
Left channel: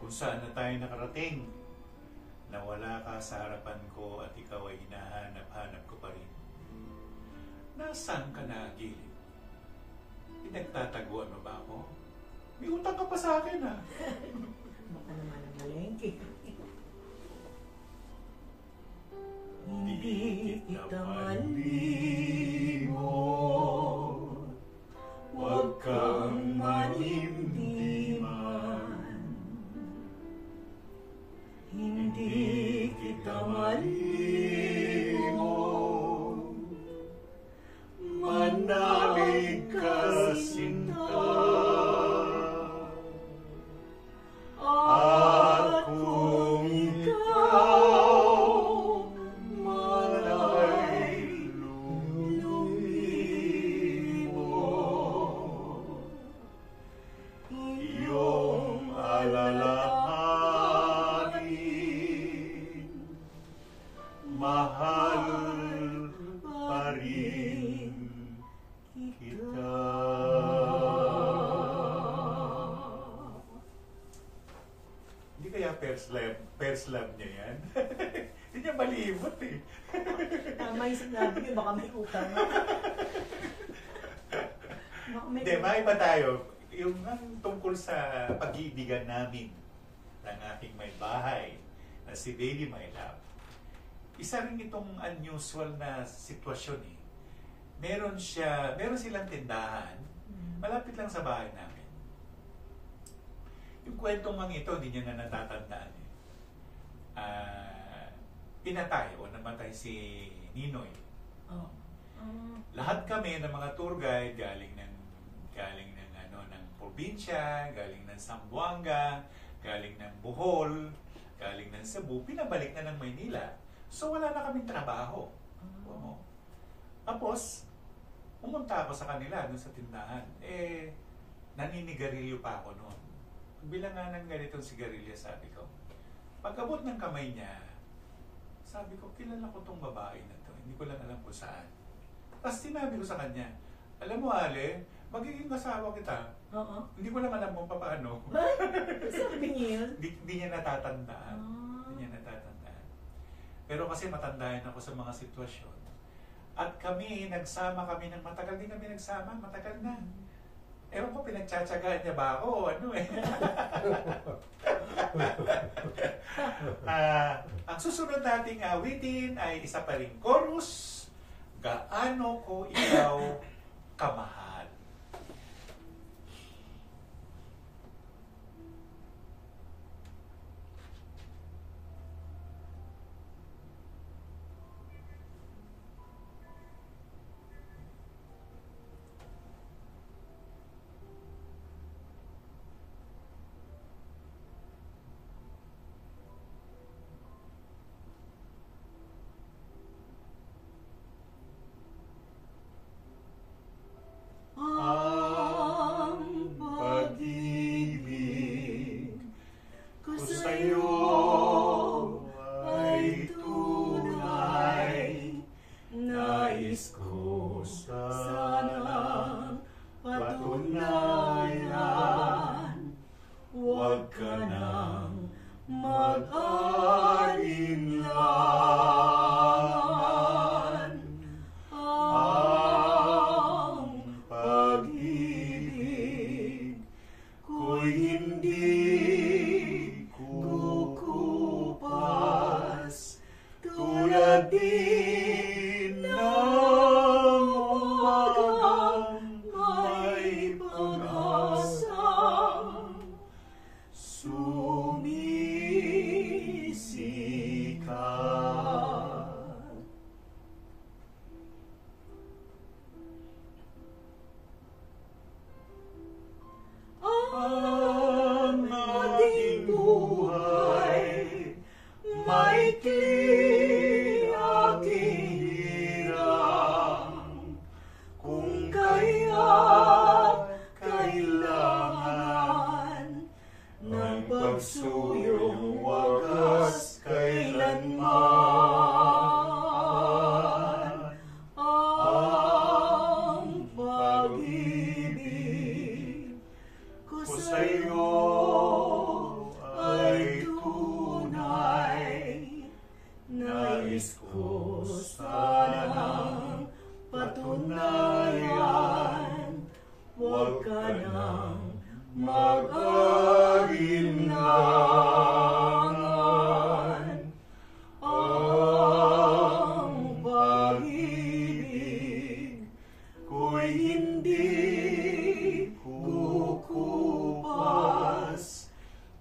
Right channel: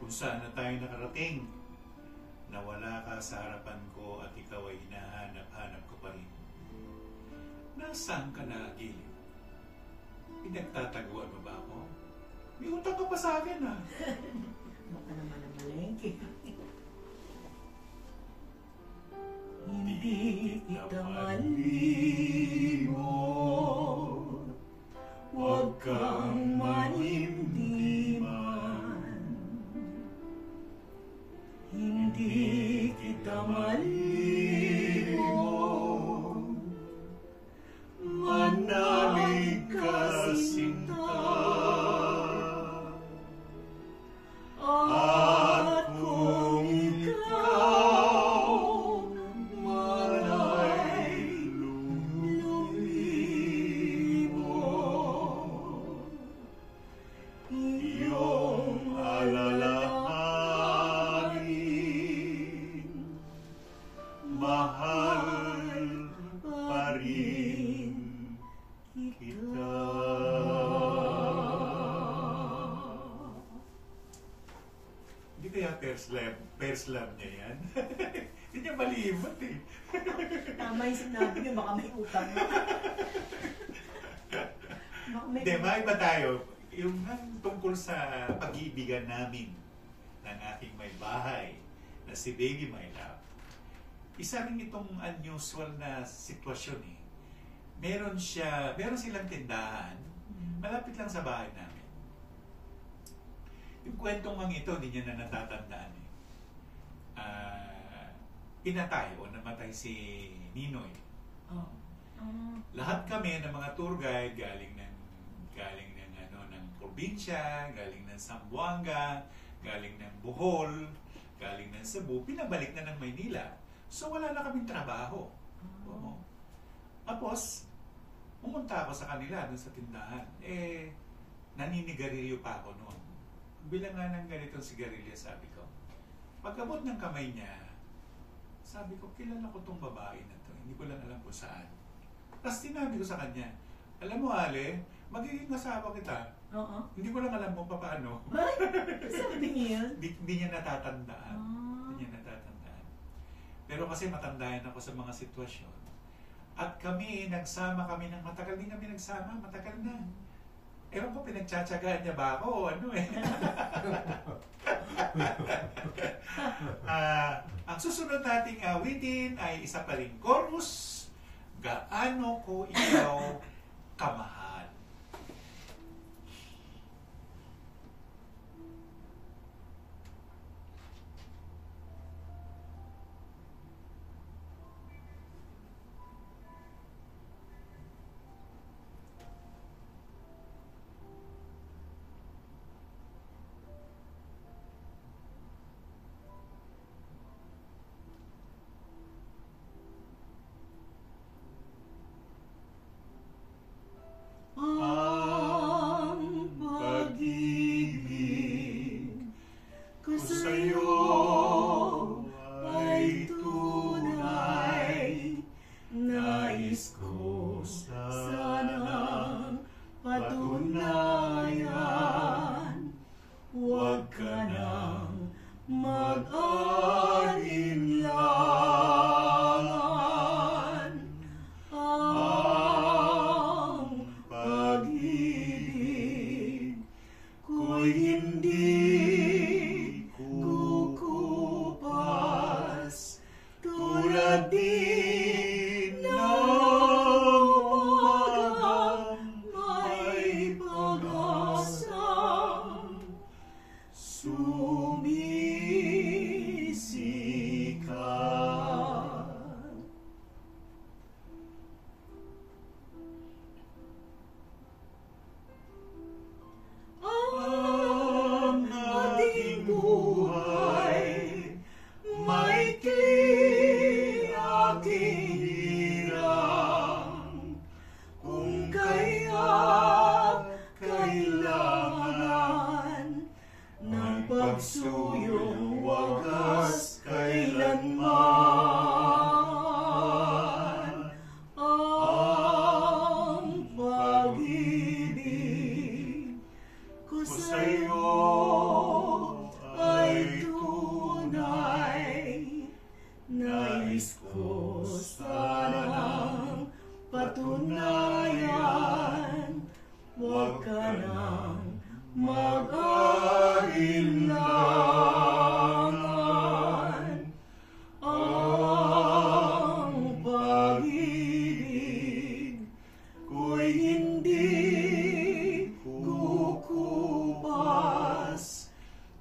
Kung saan na tayo nakarating, na wala ka sa harapan ko at ikaw ay hinahanap-hanap ko pa rin. Nasaan ka na, Gilid? Pinagtataguan mo ba ako? May utang ka pa sa akin, ha? Baka naman ang malengke. Hindi kita malimot, huwag kang manimdiman. Hindi kita malimot, manalig ka sinta. At kung ikaw man ay lumimot, iyong alalahanin, mahal pa rin kita. Hindi kaya first love niya yan? Hindi niya malibot eh. May sinabi niyo, baka may utang. Hindi, maiba tayo. Yung tungkol sa pag-iibigan namin ng aking may bahay na si Baby My Love. Isa rin itong unusual na sitwasyon eh. Meron silang tindahan malapit lang sa bahay namin. Yung kwentong ito, hindi niya na natatandaan eh. Pinatay o namatay si Ninoy. Lahat kami ng mga tour guide galing ng probinsya, galing ng Zamboanga, galing ng Bohol, galing ng Cebu, pinabalik na ng Maynila. So wala na kaming trabaho. Tapos pumunta ako sa kanila dun sa tindahan. Naninigarilyo pa ako noon. Bilang nga ng ganitong sigarilya, sabi ko. Pagkabot ng kamay niya, sabi ko, kilala ko tong babae na to. Hindi ko lang alam kung saan. Tapos sinabi ko sa kanya, alam mo, Ale, magiging asawa kita. Oo. Hindi ko lang alam kung paano. Sabi niya yun? Hindi niya natatandaan. Hindi niya natatandaan. Pero kasi matandayan ako sa mga sitwasyon. At nagsama kami ng matagal din kami nagsama. Matagal na. Ewan ko, pinagtsatsagaan niya ba ako? Ang susunod nating awitin ay isa pa ring chorus. Gaano ko ikaw kamahal. Ang pag-ibig ko sa'yo ay tunay. Nais ko sanang patunayan. Huwag ka nang mag-alinlangan. Ang pag-ibig ko'y hindi kukupas, tulad din ng umagang may pag-asang sumisikat. Ang ating buhay, maikli aking hirang, kung kaya't kailangan ng pagsuyong wagas kailanman. Ang pag-ibig ko sa'yo ay tunay. Nais ko sanang patunayan. Huwag ka nang mag-alinlangan. Ang pag-ibig ko'y hindi kukupas,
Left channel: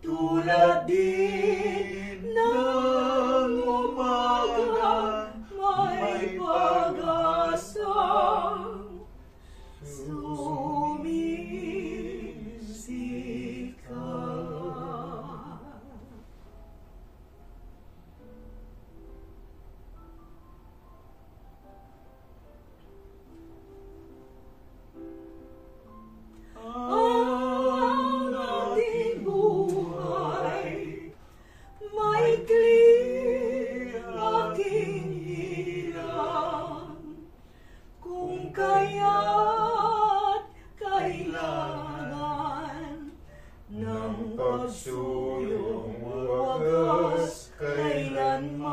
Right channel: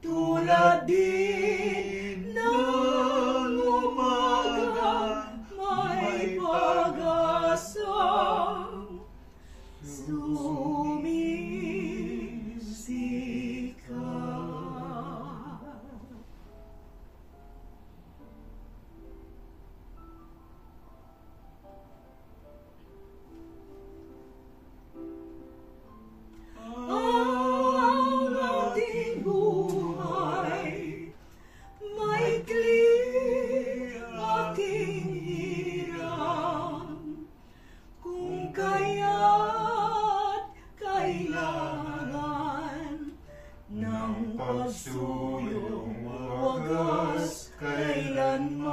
tulad din ng umaga may pag-asang sumisikat. Ang ating buhay, maikli aking hirang, kung kaya't kailangan ng pagsuyong wagas kailanman.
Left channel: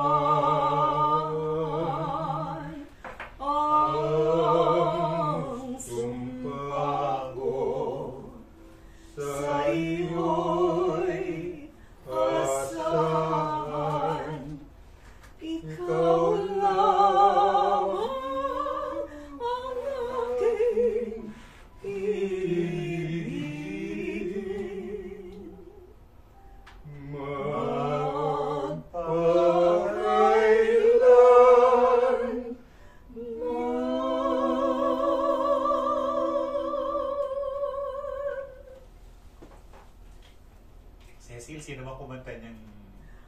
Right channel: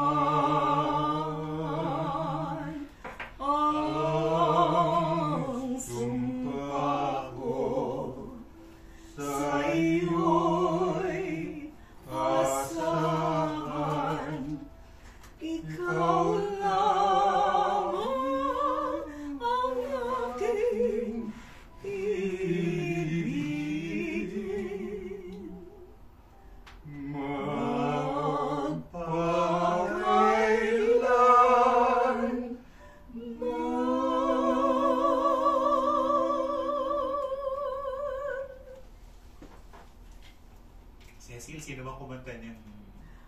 Ang sumpa ko sa iyo'y asahan. Ikaw lamang ang aking ibigin. Magpakailanman. Cecil, sino ba kumanta niyang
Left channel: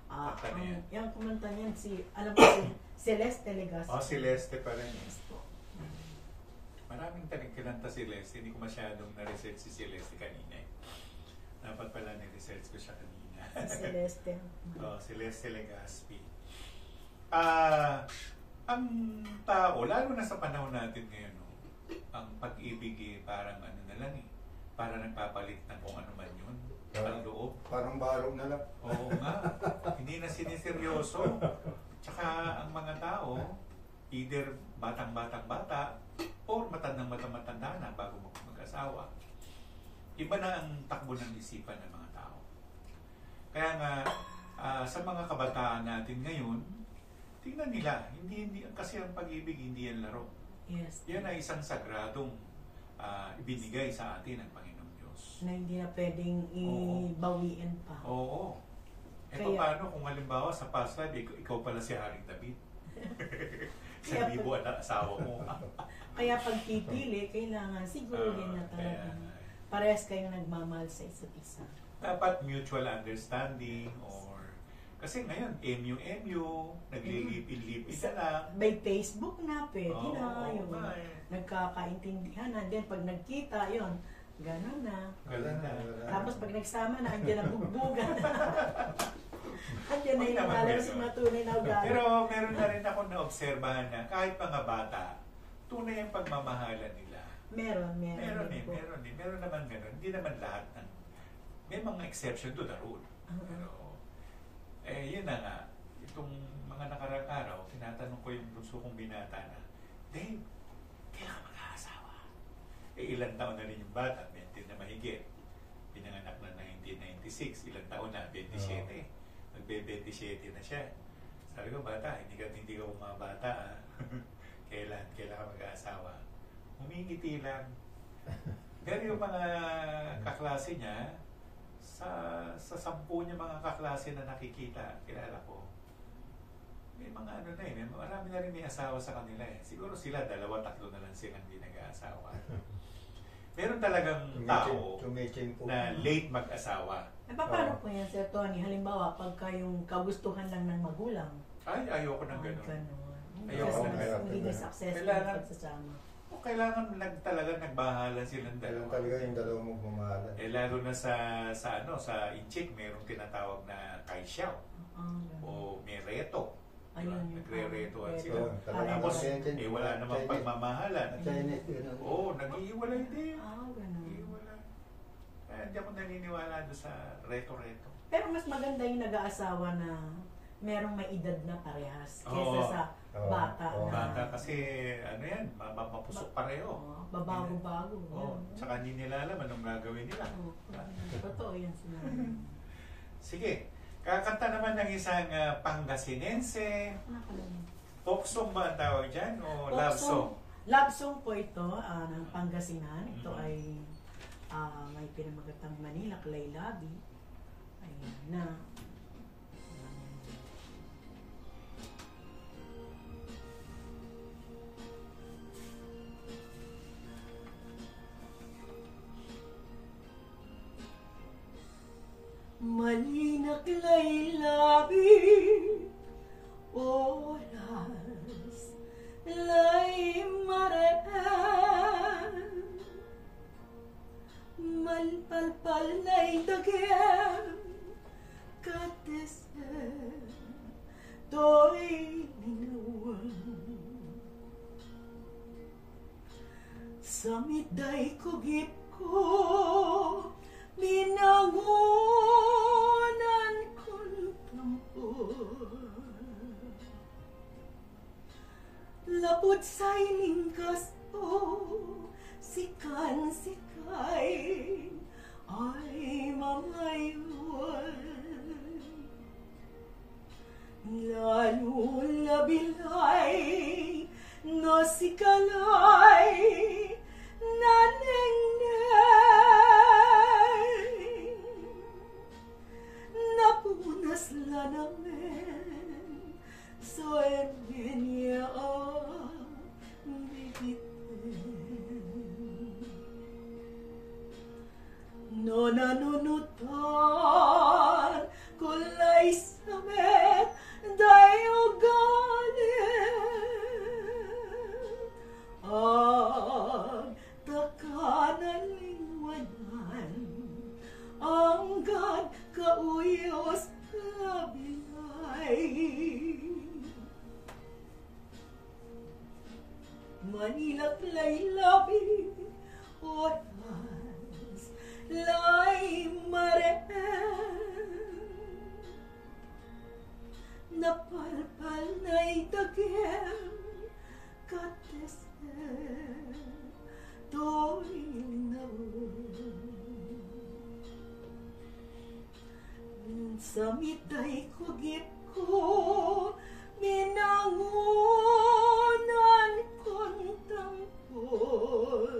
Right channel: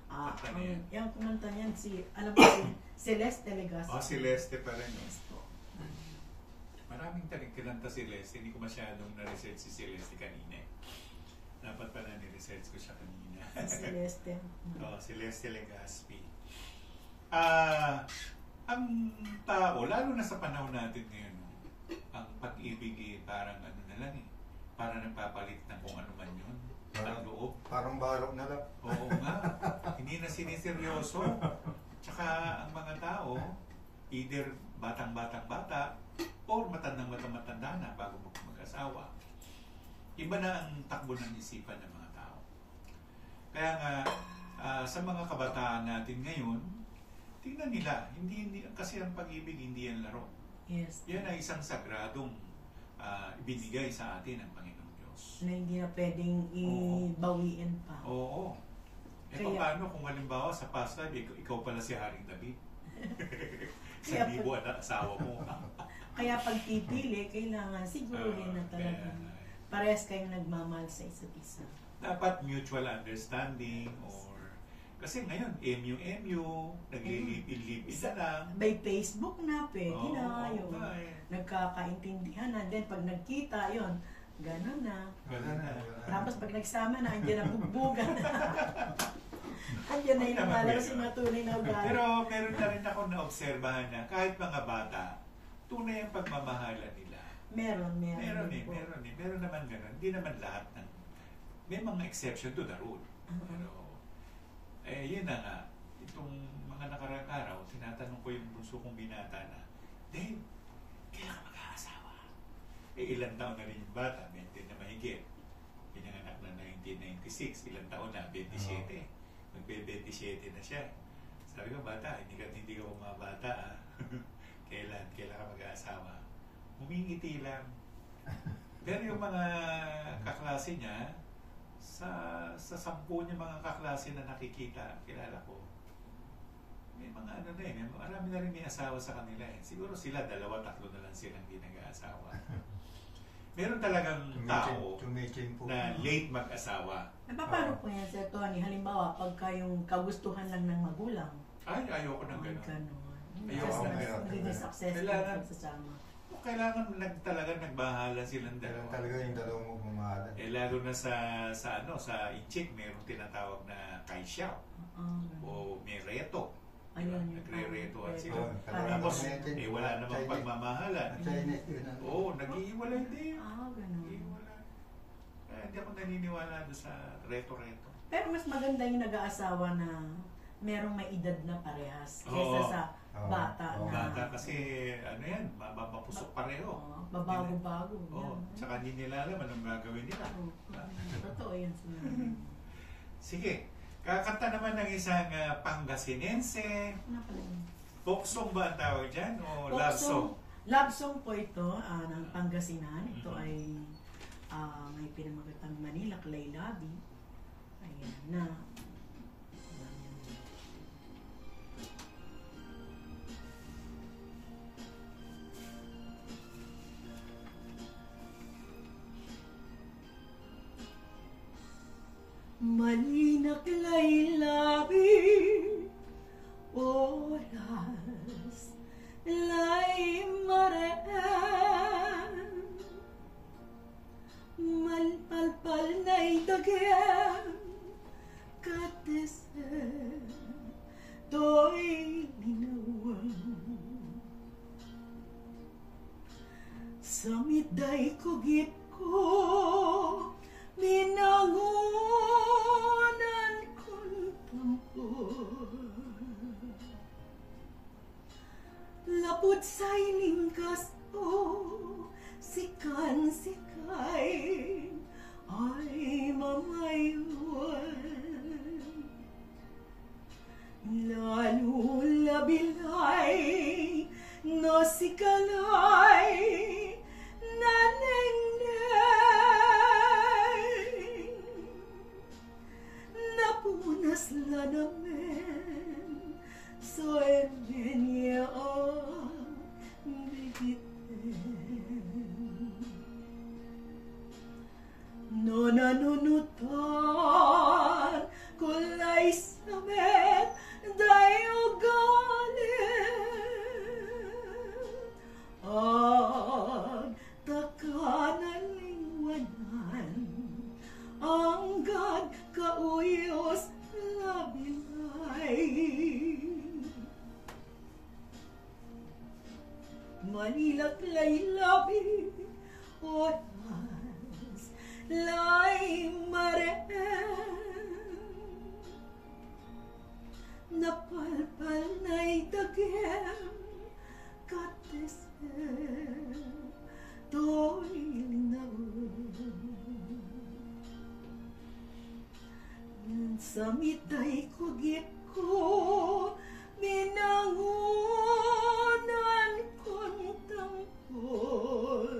kanta na yan? Yung kumanta niyan, alam mo si Celeste Legaspi. Celeste pa rin. Yes po. Marami maraming kinanta si Leslie. Hindi ko masyadong na-research si Celeste kanina. Dapat pala ni-research ko siya kanina. Si Celeste. Celeste Legaspi. Ang tao, lalo na sa panahon natin ngayon, ang pag-ibig parang ano na lang para nagpapalit ng kung ano man yun. Ang loob. Parang barong na lang. Oo nga. Hindi na siniseryoso. Tsaka ang mga tao, either batang-bata or matandang-matanda na bago mag-asawa. Iba na ang takbo ng isipan ng mga tao. Kaya nga, sa mga kabataan natin ngayon, tingnan nila, hindi kasi ang pag-ibig hindi yan laro. Yes. Yan ay isang sagradong ibinigay sa atin ng Panginoong Diyos. Na hindi na pwedeng ibawiin pa. Oo. Paano kung halimbawa sa past life, ikaw pala si Haring David? Sa libo at asawa mo. Kaya pag pipili, kailangan siguruhin na talaga. Parehas kayong nagmamahal sa isa't isa. Dapat mutual understanding kasi ngayon, MU, naglilip-in-lip-in na lang. By Facebook na, pwede na yun. Nagkakaintindihan na. Then pag nagkita, yun, gano'n na. Tapos pag nagsama na, andyan na bugbugan. Andyan na yung nalalaro si matunay na ugali. Pero meron na rin ako na-obserbahan na kahit mga bata, tunay ang pagmamahalan nila. Meron naman gano'n. Hindi naman lahat ng... May mga exception to the rule. Pero, yun na nga. Itong mga nakarang araw, tinatanong ko yung bunso kong binata na, Dave, kailan ka mag-aasawa? Ilang taon na rin yung bata, 20 na mahigit. Pinanganak na 1996, ilang taon na, 27. Magbe-27 na siya. Sabi ko, bata, hindi ka bumabata. Kailan ka mag-aasawa? Humingiti lang. Pero yung mga kaklase niya, sa 10 niya mga kaklase na nakikita, kilala ko, may mga marami na rin may asawa sa kanila Siguro sila 2-3 na lang silang hindi nag-aasawa. Meron talagang tao na late mag-asawa. Paano po yan, Sir Tony? Halimbawa, pagka yung kagustuhan lang ng magulang. Ayoko ng gano'n. Ayoko ng gano'n. Hindi successful pagsasama. Kailangan talaga nagbahala silang dalawa. Talaga yung dalawang magmamahalan. Lalo na sa Inchik, mayroong tinatawag na Kaisyaw. O may reto. Nagre-retohan sila. Tapos, wala namang pagmamahalan. Nag-iiwalay din. Kaya hindi ako naniniwala doon sa reto-reto. Pero mas maganda yung nag-aasawa na merong may edad na parehas kesa sa bata na. Bata kasi mapusok pareho. Babago-bago. Tsaka hindi nila alam anong gagawin nila. Totoo yan sila. Sige, kakanta naman ng isang Pangasinense. Folk song ba ang tawag dyan? O love song? Love song po ito ng Pangasinan. Ito ay may pinamagatang Manila, Kalaylabi. Ayan na. Malinak laylabi, oras lay maraan, malpalpal na'y dagyan, katesen, to'y ninuwan. Sa miday kugip ko, binangunan kong tampon. Lapod sa'y lingkas ko, sikan-sikay, ay mamayuan. Lalo labilay, no sikalay, naneng-neng. Napunas la namin, so niya no nanunutan kulay samet dayo galit Hanggang kauyos labilay. Manila laylabi oras lay mare napalpal na'y dagem katese to'y naun sa mitay kugip ko minangunan kong tangkol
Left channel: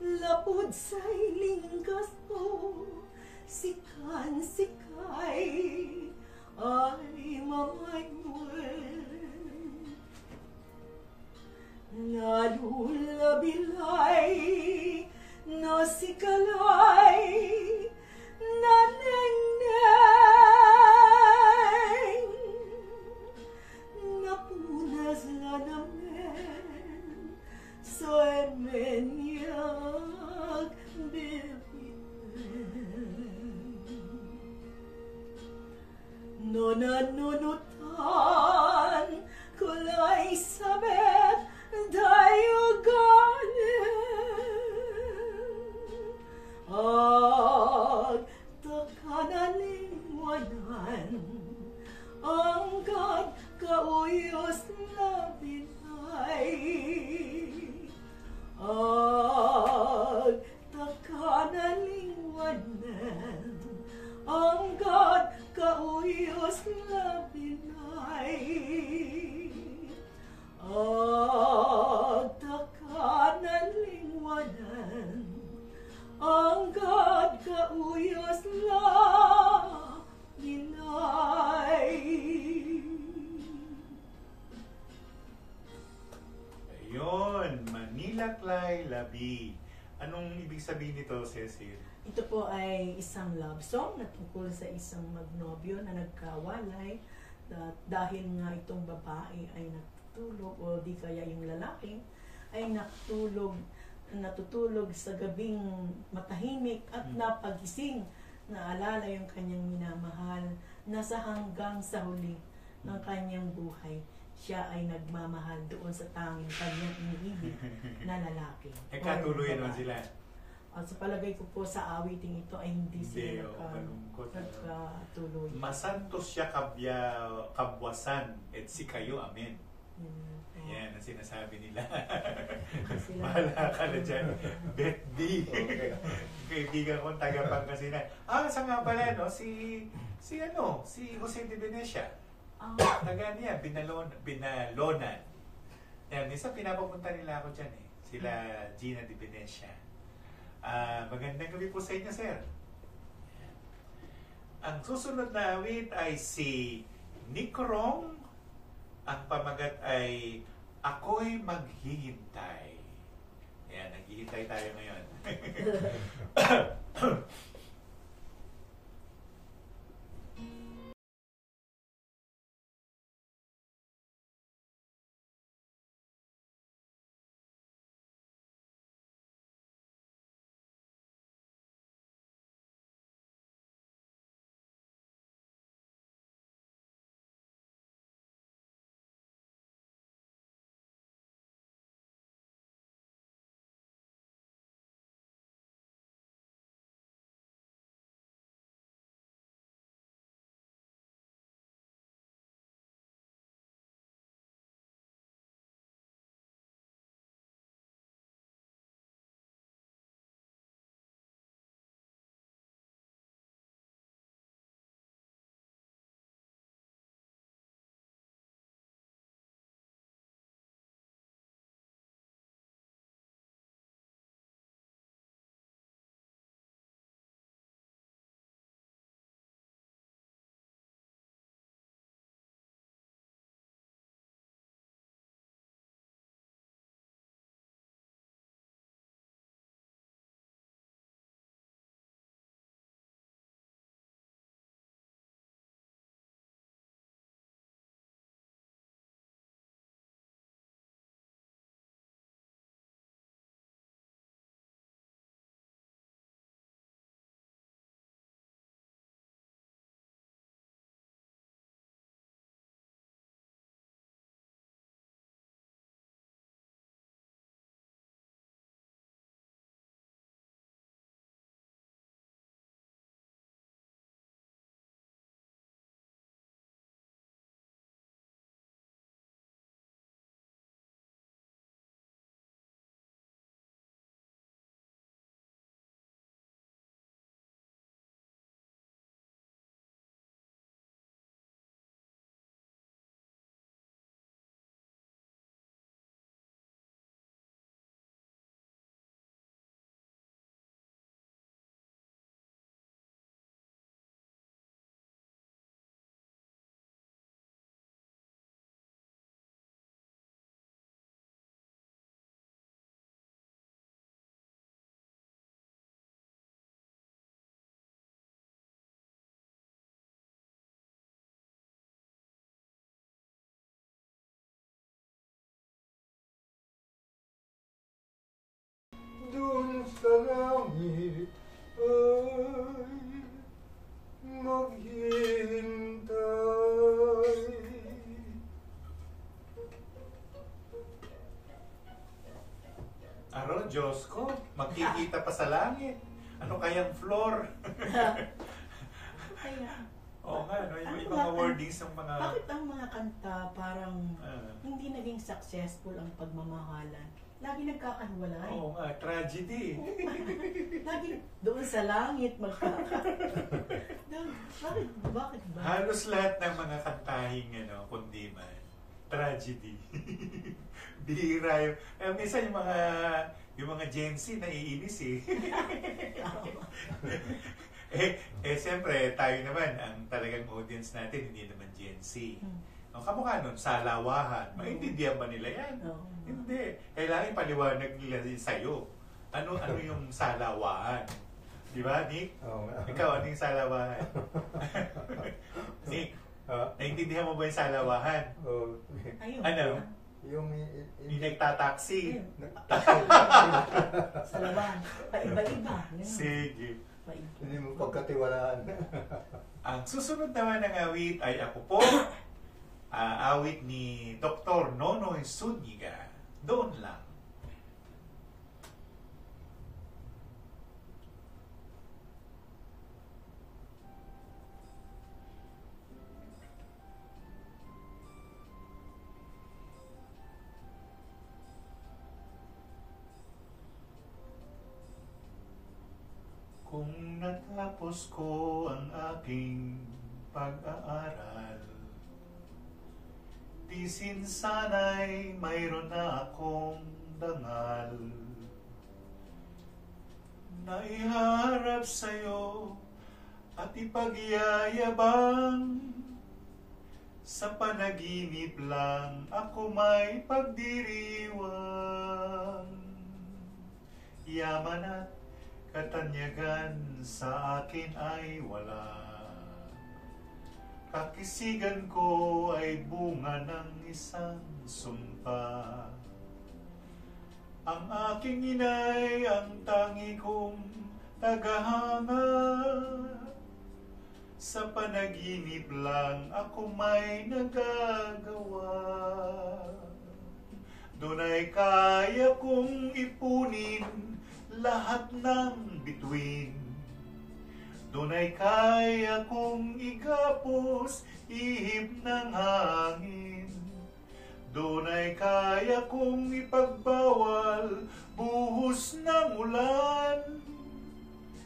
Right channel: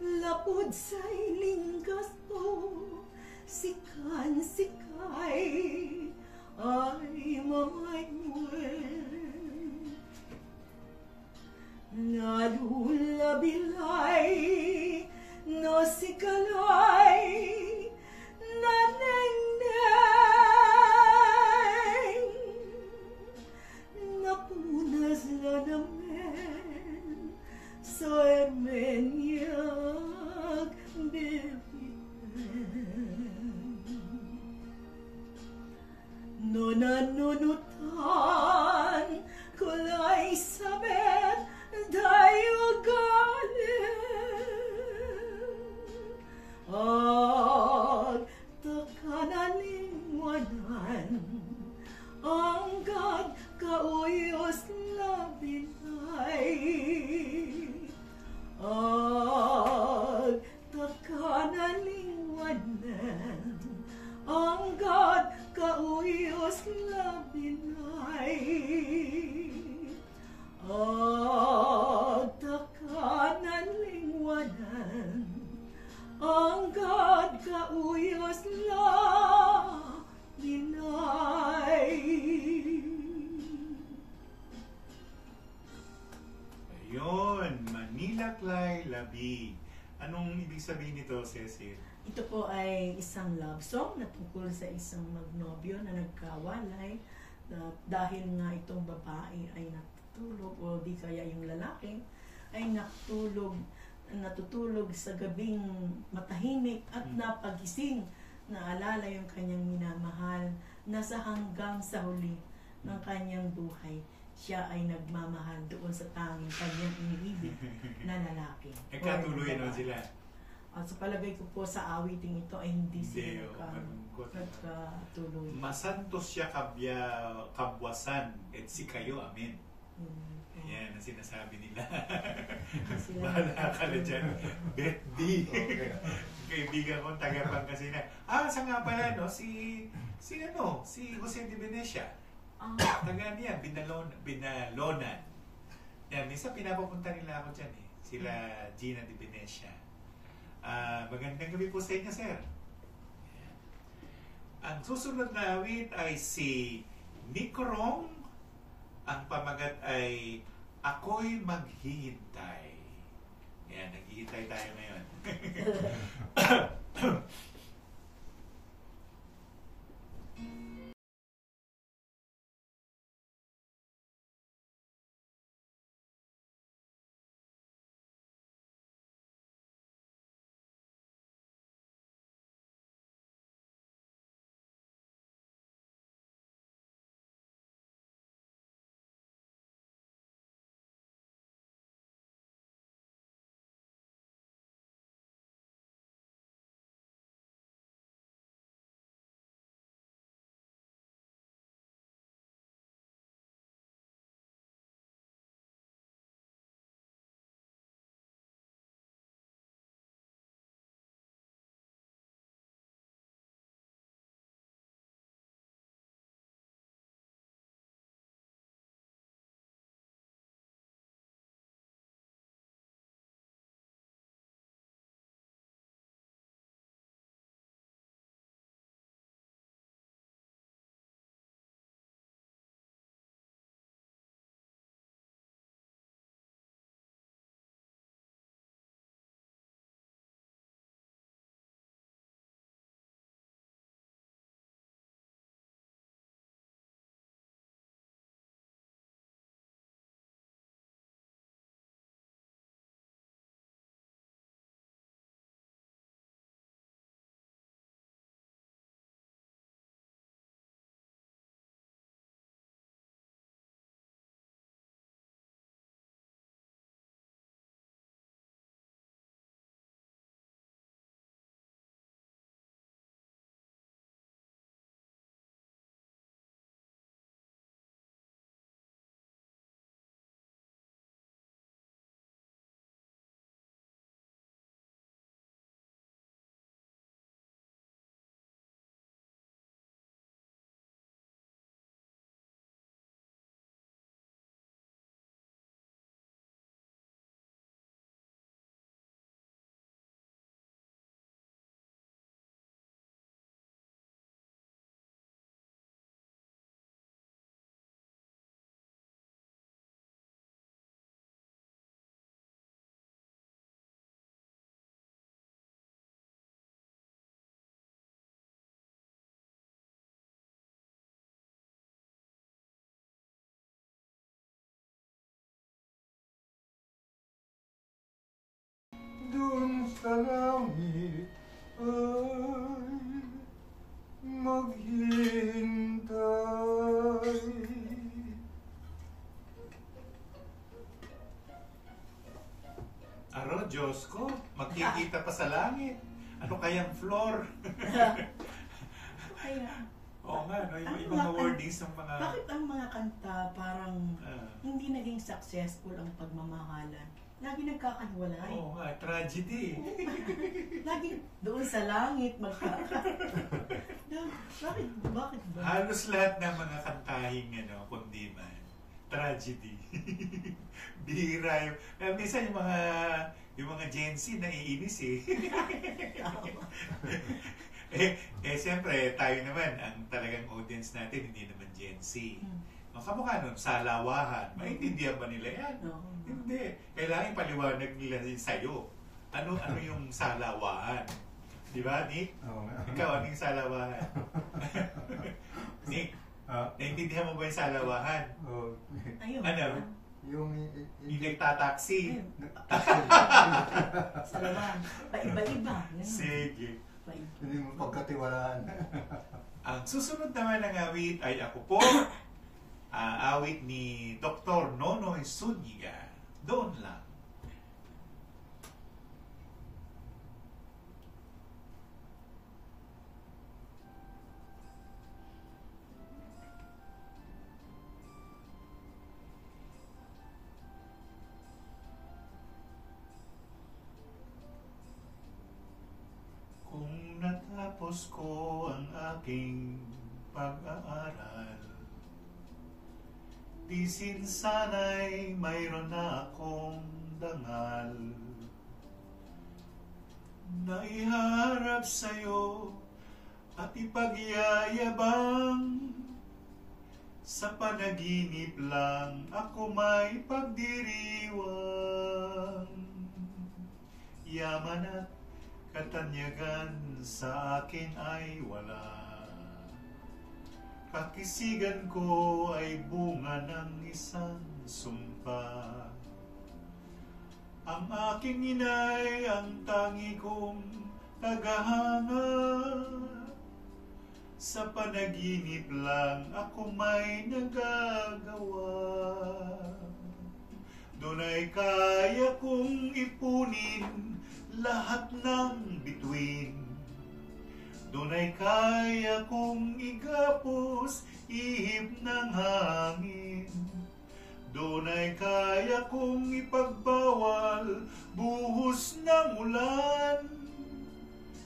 lapod sa'y linggas ko sikan sikay ay mamaywen lalulabilay no sikalay naneng napunas la namen so emenyag no nanunutan kulay sabet dayuganin at takanalingwanan ang kauyos labinay at takanalingwanan ang kauyos labinay at takanalingwanan ang kauyos labinay. Ayun, Manilaklay Labi. Anong ibig sabihin nito, Cecil? Ito po ay isang love song na tungkol sa isang magnobyo na nagkawalay dahil nga itong babae ay natutulog o di kaya yung lalaki ay natutulog sa gabing matahimik at napagising, naalala yung kanyang minamahal, nasa hanggang sa huli ng kanyang buhay siya ay nagmamahal doon sa tanging kanyang iniibig na lalaki. Katuluyan naman sila. Sa palagay ko po sa awiting ito ay hindi sila nagkatuloy. Masantos siya kabwasan et si kayo, amen. Yan ang sinasabi nila. Bahala ka na dyan. Betty. Kaibigan kong taga-Pangasinan. Sa nga pala, no? Si Jose de Venecia. Taga niya, Binalonan. Yan, minsan pinapapunta nila ako dyan eh. Sila Gina de Venecia. Magandang gabi po sa inyo, sir. Ang susunod na awit ay si Nicorong. Ang pamagat ay Ako'y Maghihintay. Ayan, naghihintay tayo ngayon. dun sa langit ay maghintay. Aro, Diyos ko, magkikita pa sa langit. Ano kayang floor? Kaya, Oo nga, no? Yung mga wordings ng mga... bakit ang mga kanta parang hindi naging successful ang pagmamahalan? Lagi nagkakahiwalay. Oo nga, tragedy. Lagi doon sa langit bakit ba? Halos lahat ng mga kantahing kundiman, tragedy. Bihira yung... minsan yung mga Gen Z naiinis eh. Siyempre, tayo naman, ang talagang audience natin, hindi naman Gen Z. Ang kamukha nun, salawahan. Maintindihan ba nila yan? Hindi. Kailangan paliwanag nila sa'yo. Ano yung salawahan? Di ba, Nick? Ikaw, ano yung salawahan? Nick, naintindihan mo ba yung salawahan? Ayun. Ano? Yung nagtataksi. Salawahan. Paiba-iba. Sige. Hindi mo pagkatiwalaan. Ang susunod naman ng awit ay Ako Po. Awit ni Dr. Nonoy Zuniga. Doon lang. Kung natapos ko ang aking pag-aaral, tisin sana'y mayroon na akong dangal na iharap sa'yo at ipagyayabang. Sa panaginip lang ako may pagdiriwang. Yaman at katanyagan sa akin ay wala. Kakisigan ko ay bunga ng isang sumpa. Ang aking inay ang tangi kong tagahanga. Sa panaginip lang ako may nagagawa. Doon ay kaya kong ipunin lahat ng bituin. Doon ay kaya kong igapos ihip ng hangin. Doon ay kaya kong ipagbawal buhos ng ulan.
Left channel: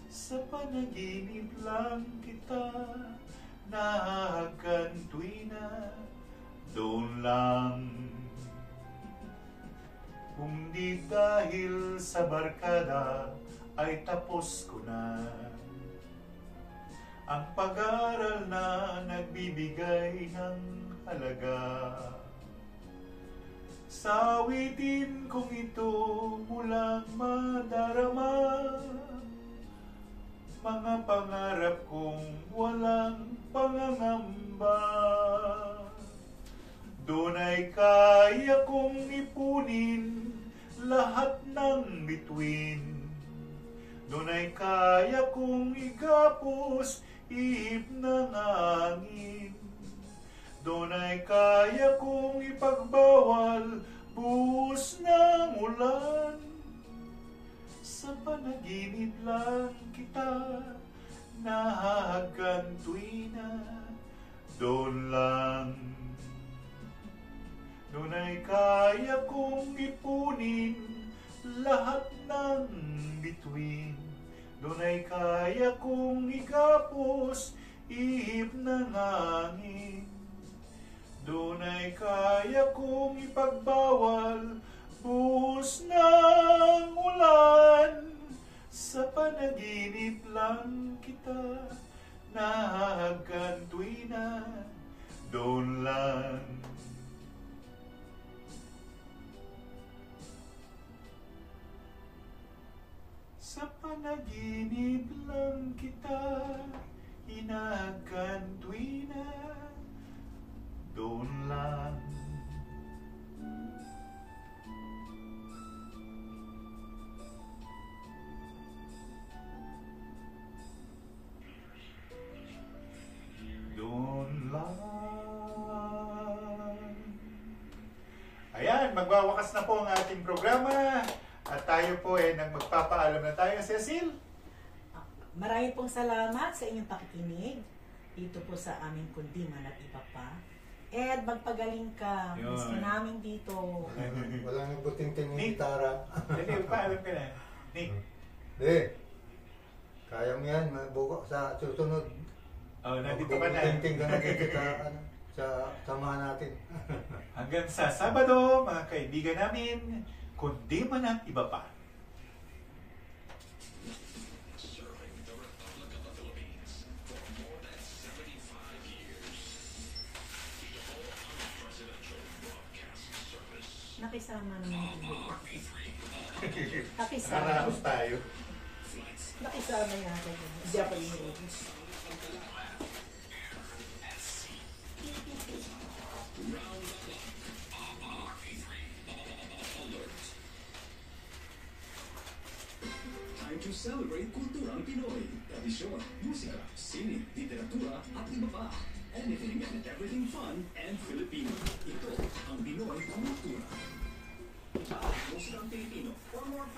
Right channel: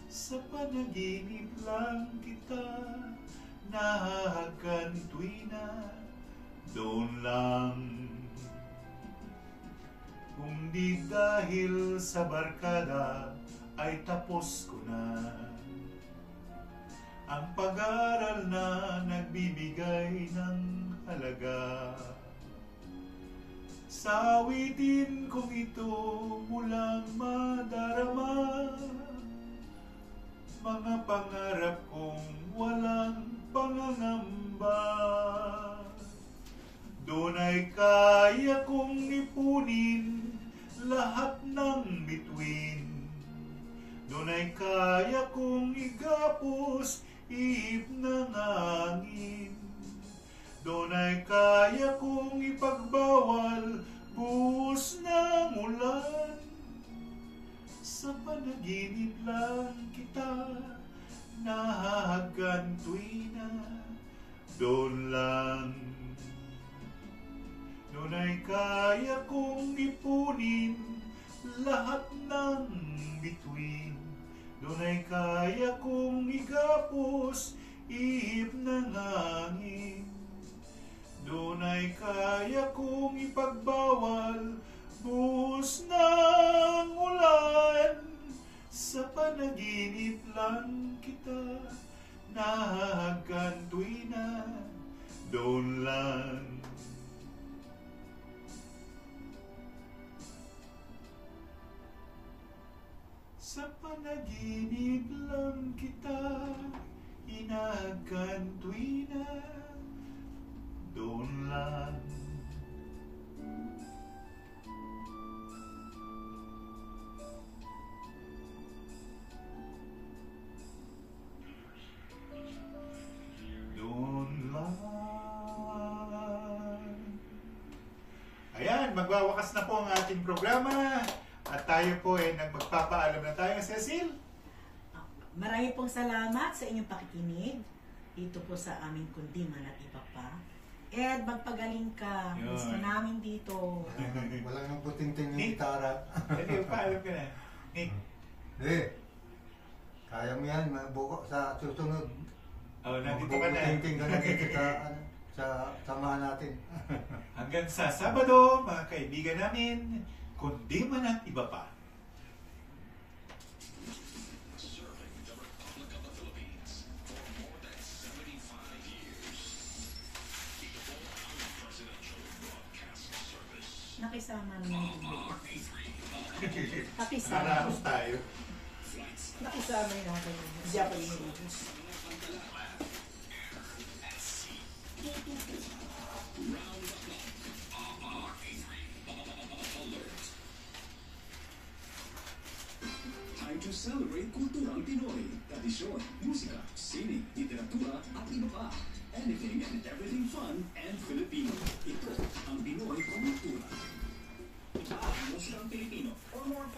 Sa panaginip lang kita nahagantuina. Doon lang. Kung di dahil sa barkada ay tapos ko na ang pag-aaral na nagbibigay ng halaga. Sa awitin kong ito mulang madarama mga pangarap kong walang pangangamba. Doon ay kaya kong ipunin lahat ng bituin. Doon ay kaya kong igapos ihip ng hangin. Doon ay kaya kong ipagbawal buhos ng ulan. Sa panaginip lang kita nahagantuina. Doon lang. Doon ay kaya kong ipunin lahat ng bituin. Doon ay kaya kong igapos ihip ng hangin. Doon ay kaya kong ipagbawal buhos ng ulan. Sa panaginip lang kita nahagantuina. Doon lang. Sa panaginip lang kita inagantuina. Doon lang. magwawakas na po ang ating programa. At tayo po magpapaalam na tayo, Cecil. Marami pong salamat sa inyong pakikinig dito po sa aming Kundiman at Iba Pa. Ed, magpagaling ka. Yun. Gusto namin dito. Walang nabuting-ting yung gitara. Dali, paalam ka na. Nick. Kaya mo yan, mabuko sa susunod. Nandito ka na. Mabuting-ting ka na dito sa samahan natin. Hanggang sa Sabado, mga kaibigan namin, Kundiman at Iba Pa. Serving the Republic of the Philippines for more than 75 years. Ito po ang Presidential Broadcast Service. Nakisama naman. Naramos tayo. Nakisama natin. Japanese. Time to celebrate kulturang Pinoy, tradisyon, musika, sine, literatura at iba pa. Anything and everything fun and Filipino. Ito ang Pinoy Kultura. Musikang Pilipino. For more